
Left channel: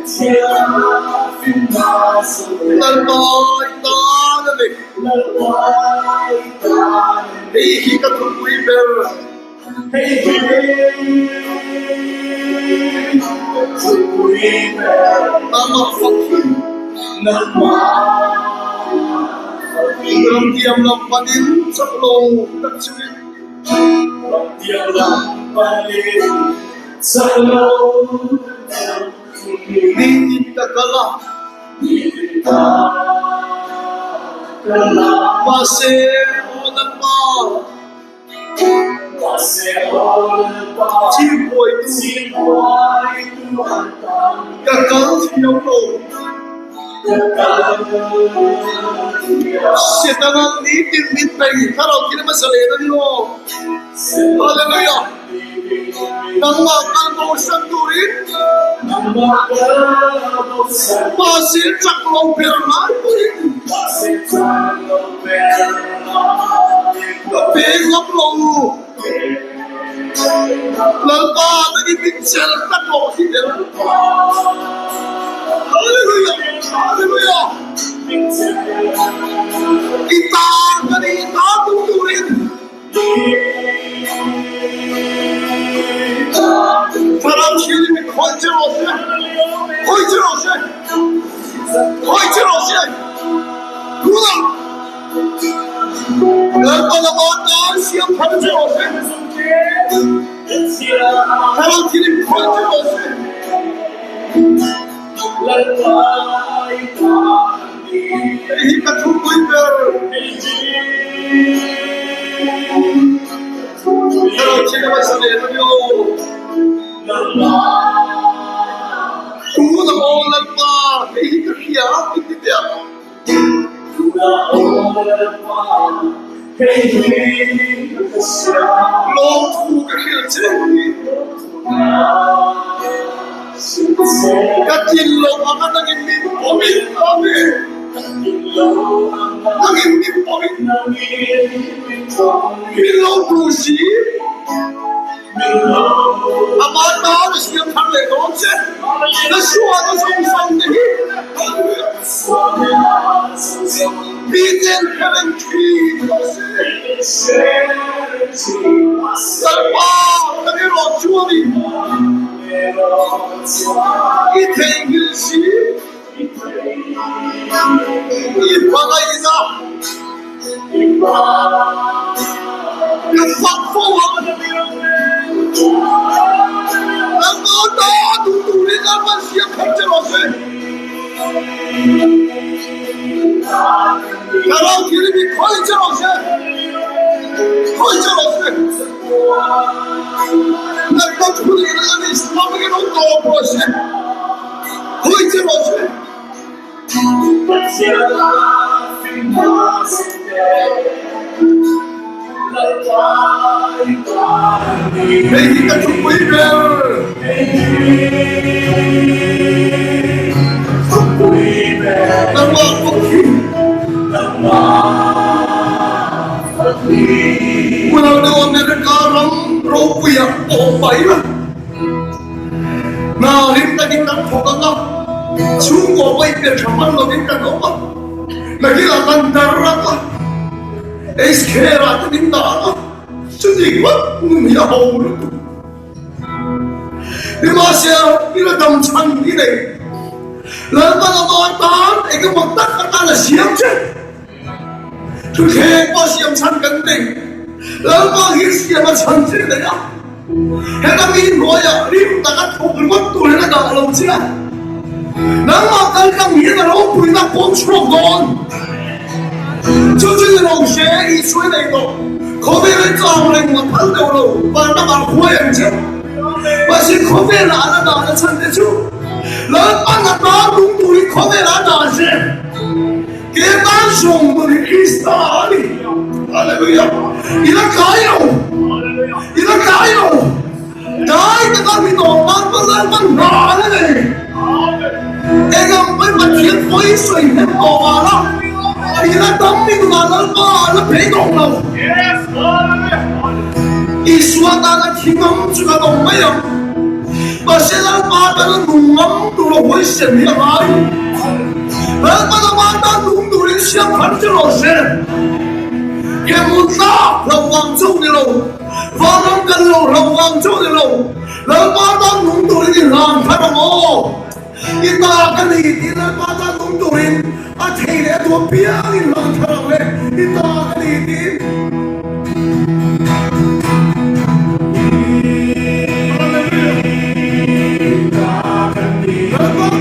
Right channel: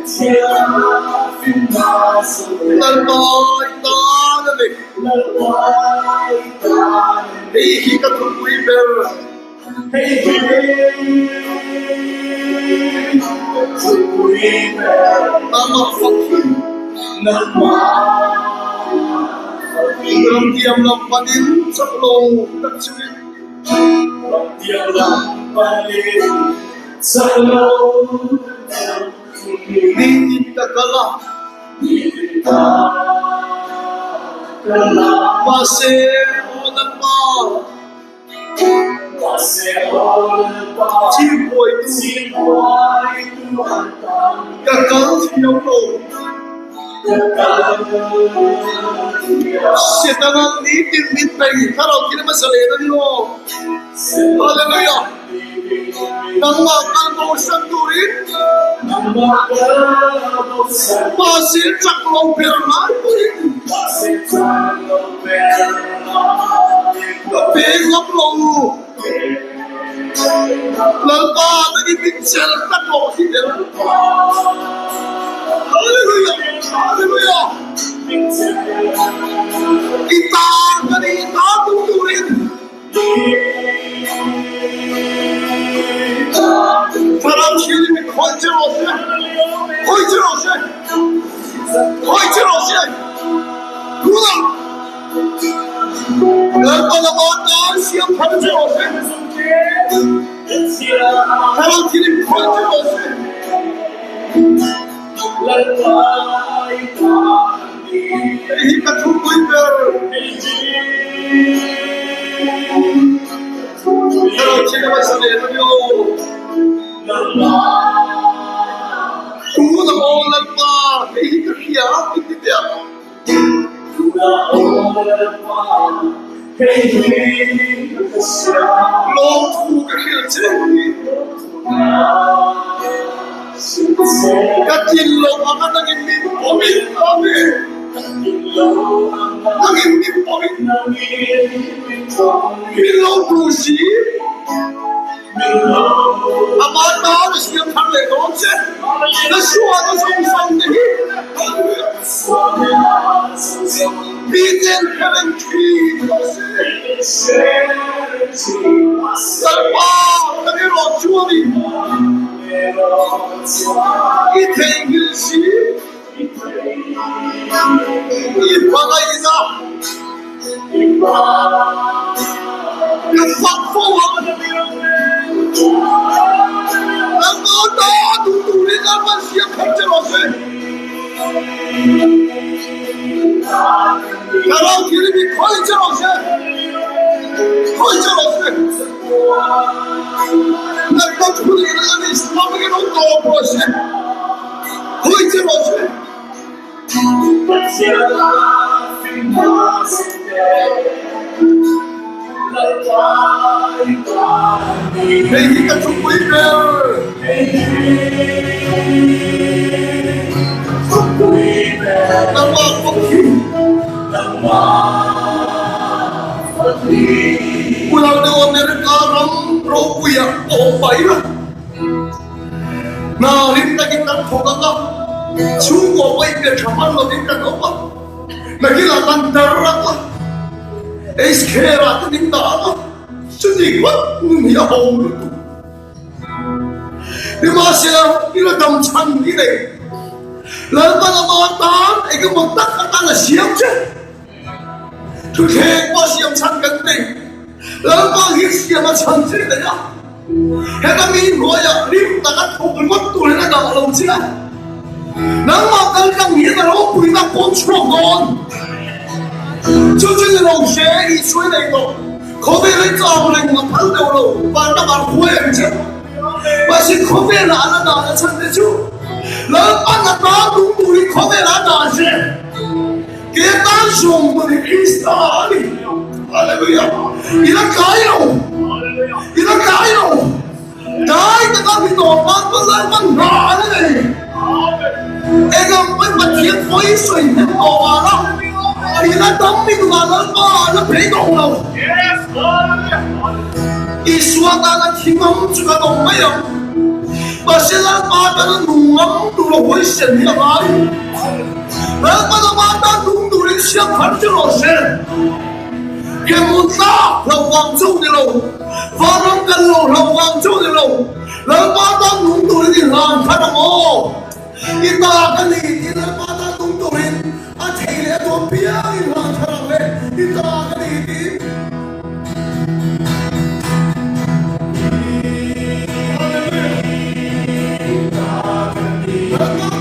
Katiam na fitness kunde. Lalbai tanane. Lalbai tanane. Hey hika tukui ber. Hey tukui ber. Nama fakir. Nama fakir. Katiam na panin saklong taksuri. Katiam na panin saklong Nindita kala Mase onan pa Chimboy tu Kakal siyaw lo Sitanan nitin mitay Karaw kinamasalena niyo Hallelujah Nang makalbo siyang turin Masih caklo berman Bengap lo Lalpa naging pinsel Taklo siya Hallelujah Hallelujah Kita kanita tuturin 사람 시험이 건져오세 건져오세 건져오세 누나 얼마나 먼 시험 건져오세 사람 시험이 건져오세 이까 죽고 있별 사람 시험을 내버려 Tunggu na olan pa, hihiya, hihiya. Long tu kahilse. Katilong ang naging mimpomin namin. Naging mimpomin. Pilong pusi. Amata siya kami doon Nasuwa na sa isang dahi Bigyan ka ng Salpa Nagiro Churi Itengil si Ipagay na Nagpagpawag Ang mga tutuloy naman siya pagkarose. Karaw kilimi koy charose. Koy charose. Nagpatuloy na lang islamigin ang toprose. Koy charose. Hey, he got to wait there. Nama Pukki. Pulang na Amerika lang rokuya o payla. Narinta kita thoganga. Chungo wait there chamalo kita dopa. Nagila darra ka. Es kera tu nindana, jadi wat dunia haulu tu. Dimasya ila dam changi deh. Lalu nama eka maktak kata na siap je. Tu kek pas siap changan deh. Lalu pagi siap changi deh ya. Heka min roya rim takat kokul wat tu hena dalam sila. Nama kalkang min aro puina kontrogon. 조준이 롱쉐 이 수에도 거기를 짜버린 거 반대로 반다만 후회했지 마치 거기를 안 한다 하는 천대주 넌 만났다 눈물이 거기를 안 하지 그게 단순물이 크리스탈이 할렐루야 이렇게요 나이가 믿어 만만한 나는 애가 맨만 거의 수 있는 거 알아 Ila dami gumagal pa na pegong na. Yes, Iswa na hingam juga dong mayam. Basila mata na nungam tulo hoy siya niya ay. Pada mata nungdurin siya panjalo siya. Kemunta lawang châu nilo. Varang kalo lawang châu nilo. Mata nungdurin ilang kada mo. Ita kali ila mata nungdurin. Athe to piang ilang kada mo. Ita kali Hallelujah.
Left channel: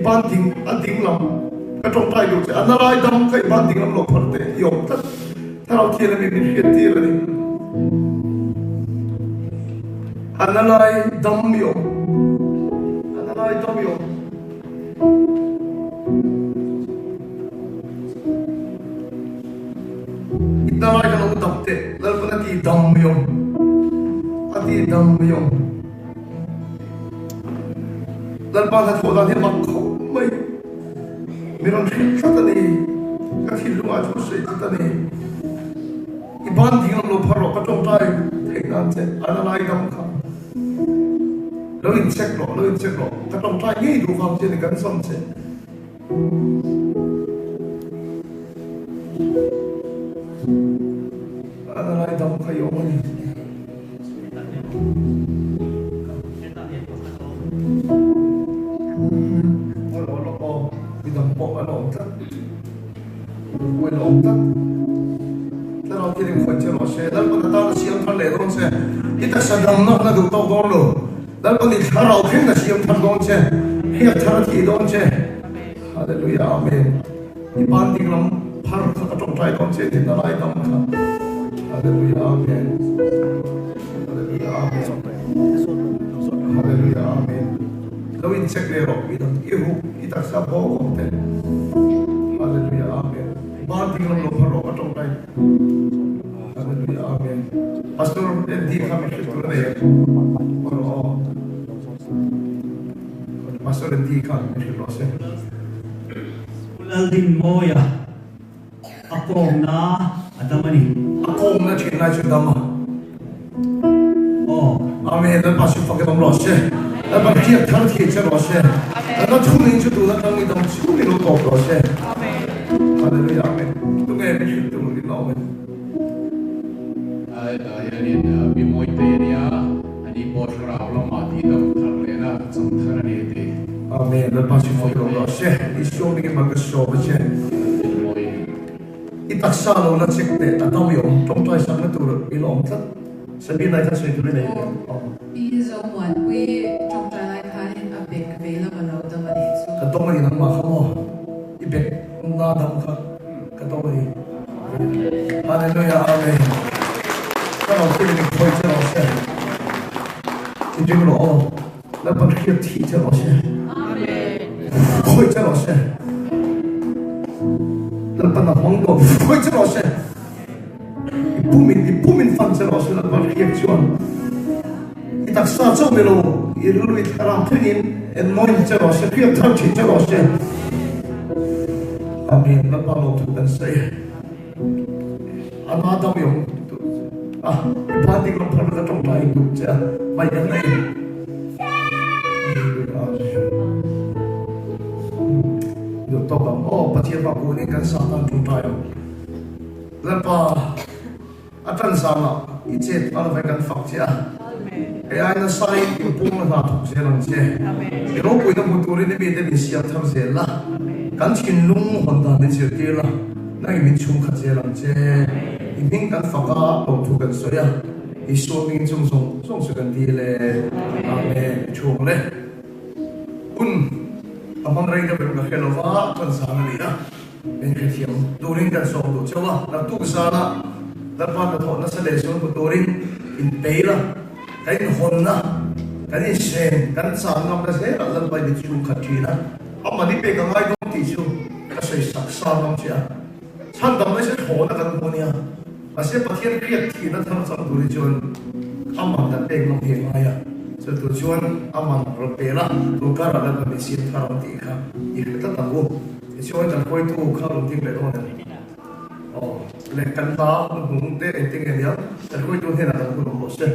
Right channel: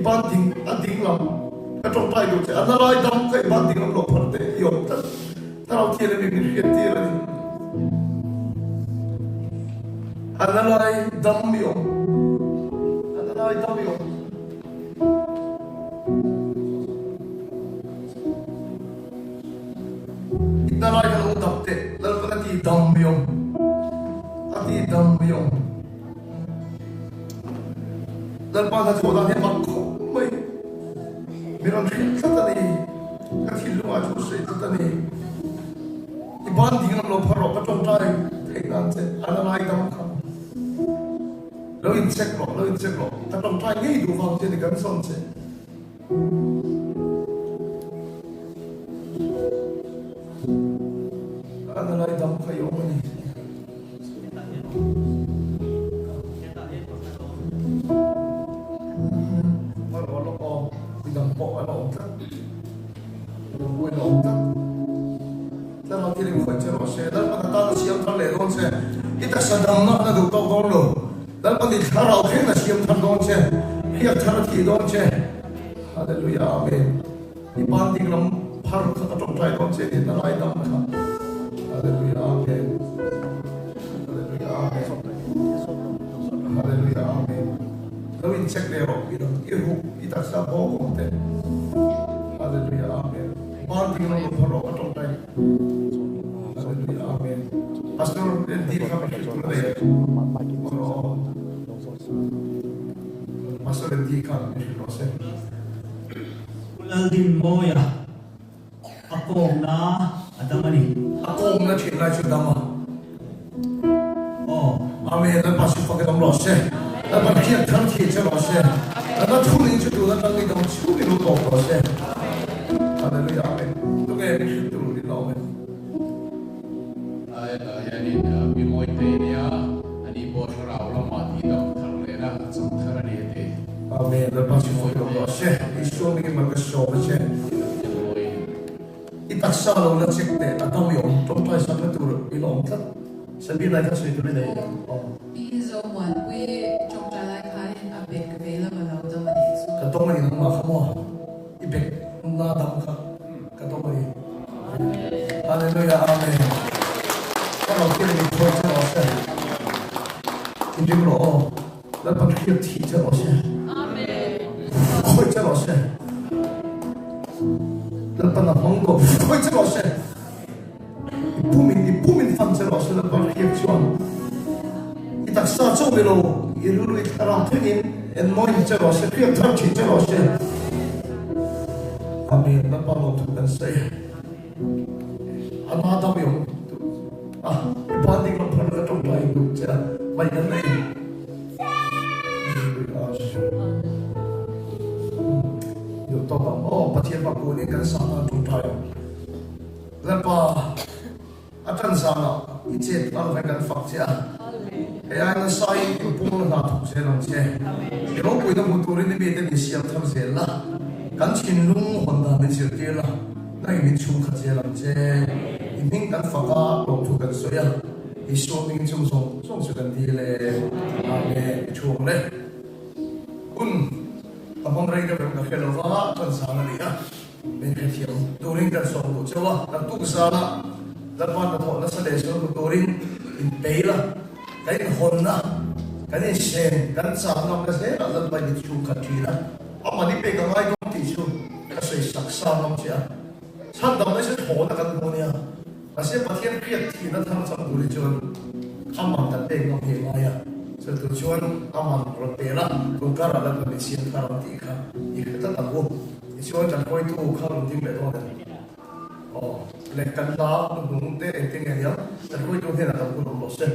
Iban ding, ading lang. cái trong tay được anh lại đâm cái bàn tiếng làm lộc phật đấy yếm tất tao kia là mình biết tiền rồi anh lại đâm yếm anh lại đâm yếm ít lại cái nó đâm thếแล้วก็ที่ดำยมที่ดำยมแล้วบางทีตัวเราเนี่ยมันเขาไม่เราคิดสักทีก็คิดว่าจะใช่สักทีอีบ้านที่เราพาเราไปตรงใจเองนั่นเองอะไรดำเขาเราอินเช็คหรอกถ้าตรงใจนี่ดูความจริงกันสองเช่นอะไรดำเขาอยู่มั้ยแล้วก็ตอนเสียงทันเลยตรงเช่นอีแต่สันดานนักดูตัวกองเลยแล้วก็นี่ถ้าเราเพ่งเสียงทันตรงเช่นเฮียทันที่ตรงเช่นฮาเลลูยาอาเมนอีบ้านที่เราพาเราเข้าตรงใจตรงเช่นที่นั่นอะไรตรงนั้นฮาเลลูยาอาเมนฮาเลลูยาอาเมนฮาเลลูยาอาเมนเราอินเช็คเลยหรอกอีแต่สับโบกองเต้ฮาเลลูยาอาเมนบ้านที่เราพาเราเข้าตรงใจAmen. Pastor, di kami kitura ya. Maro. Pastor di kami kitura. Ulal din mo ya. Ako na adamani. Ako na china chudama. Oh. Amen. Dan pastor fakir om rose. Dan bakti athar thi cha rose. Dan thuni chutu dan ngi dong chu ni lo ko rose. Amen. Hallelujah. Amen. Tu nge ni tu ni lo. Yanin bimoiteria ani boshra ulama di da tharlena chumtharani te Amen. Dan pastor fakir om rose. Isu ni magasho rose. Itaksa lo na chekte atam yom trong tai sang na tu ilom thak. Sabi na ta sai tu ne. One way trong trái khai a bek available lo da ma so Ka tong ni nang ma khamo. Ibek na dam kha. Ka tong ni. Hallelujah. Amen. Ka lo ti ni khoi cha lo se. Ti ju lo. La pa ki ti cha lo se. Amen. Khoi cha lo se. La pa na mong do khoi cha lo se. Pumin fan cha lo se la pa ki chuan. Itaksa cho melo ilu itaram tenin en mon chero se pia tham chi chero se amen la pa mo tu kan sai ana dam yong ba di ko phar ka tong tai du cha mai dan nei yo to ba o pa thia ba ko ne kan sa ta tu tai la pa atan sa na iche ta va kan fak cha ai na sai ku pung na tu se lang che e ro ku na mu tu ri ni be de sia tham se la kan chin lung hon da ni se ke la nai min chung kha che lang che i ming kan fa ka lo tu kan so ya i so ming chung so kan di le amen chung le un among rai da be ka khelo wa kan sa na ni na ben ke thiam tu rin kan so do chawa na tu sa na da pa da ho na sa le so tu rin in pe la cái hồn na cái sen cái sáng ngam cái thế là lần bài đi chung khát chi na ông mà đi về cái ngay trong thị trường cái sợi sắc sao ngam chia sang đam cái sẽ hồn là cái hồn nha cái sẽ bắt thiên kiệt thì nó tham gia đối chọn ông mà đặt bên ngam hiện nay à cho đối chọn ông mà rồi về là lúc cả là cái mình xin thằng tỷ khá thì cái tất cả vô thì chọn chẳng quay tu khá một tiếng về đó này lệ căn ta cũng để tiếng nghe nhá chẳng quay tu thế nào cũng không một sen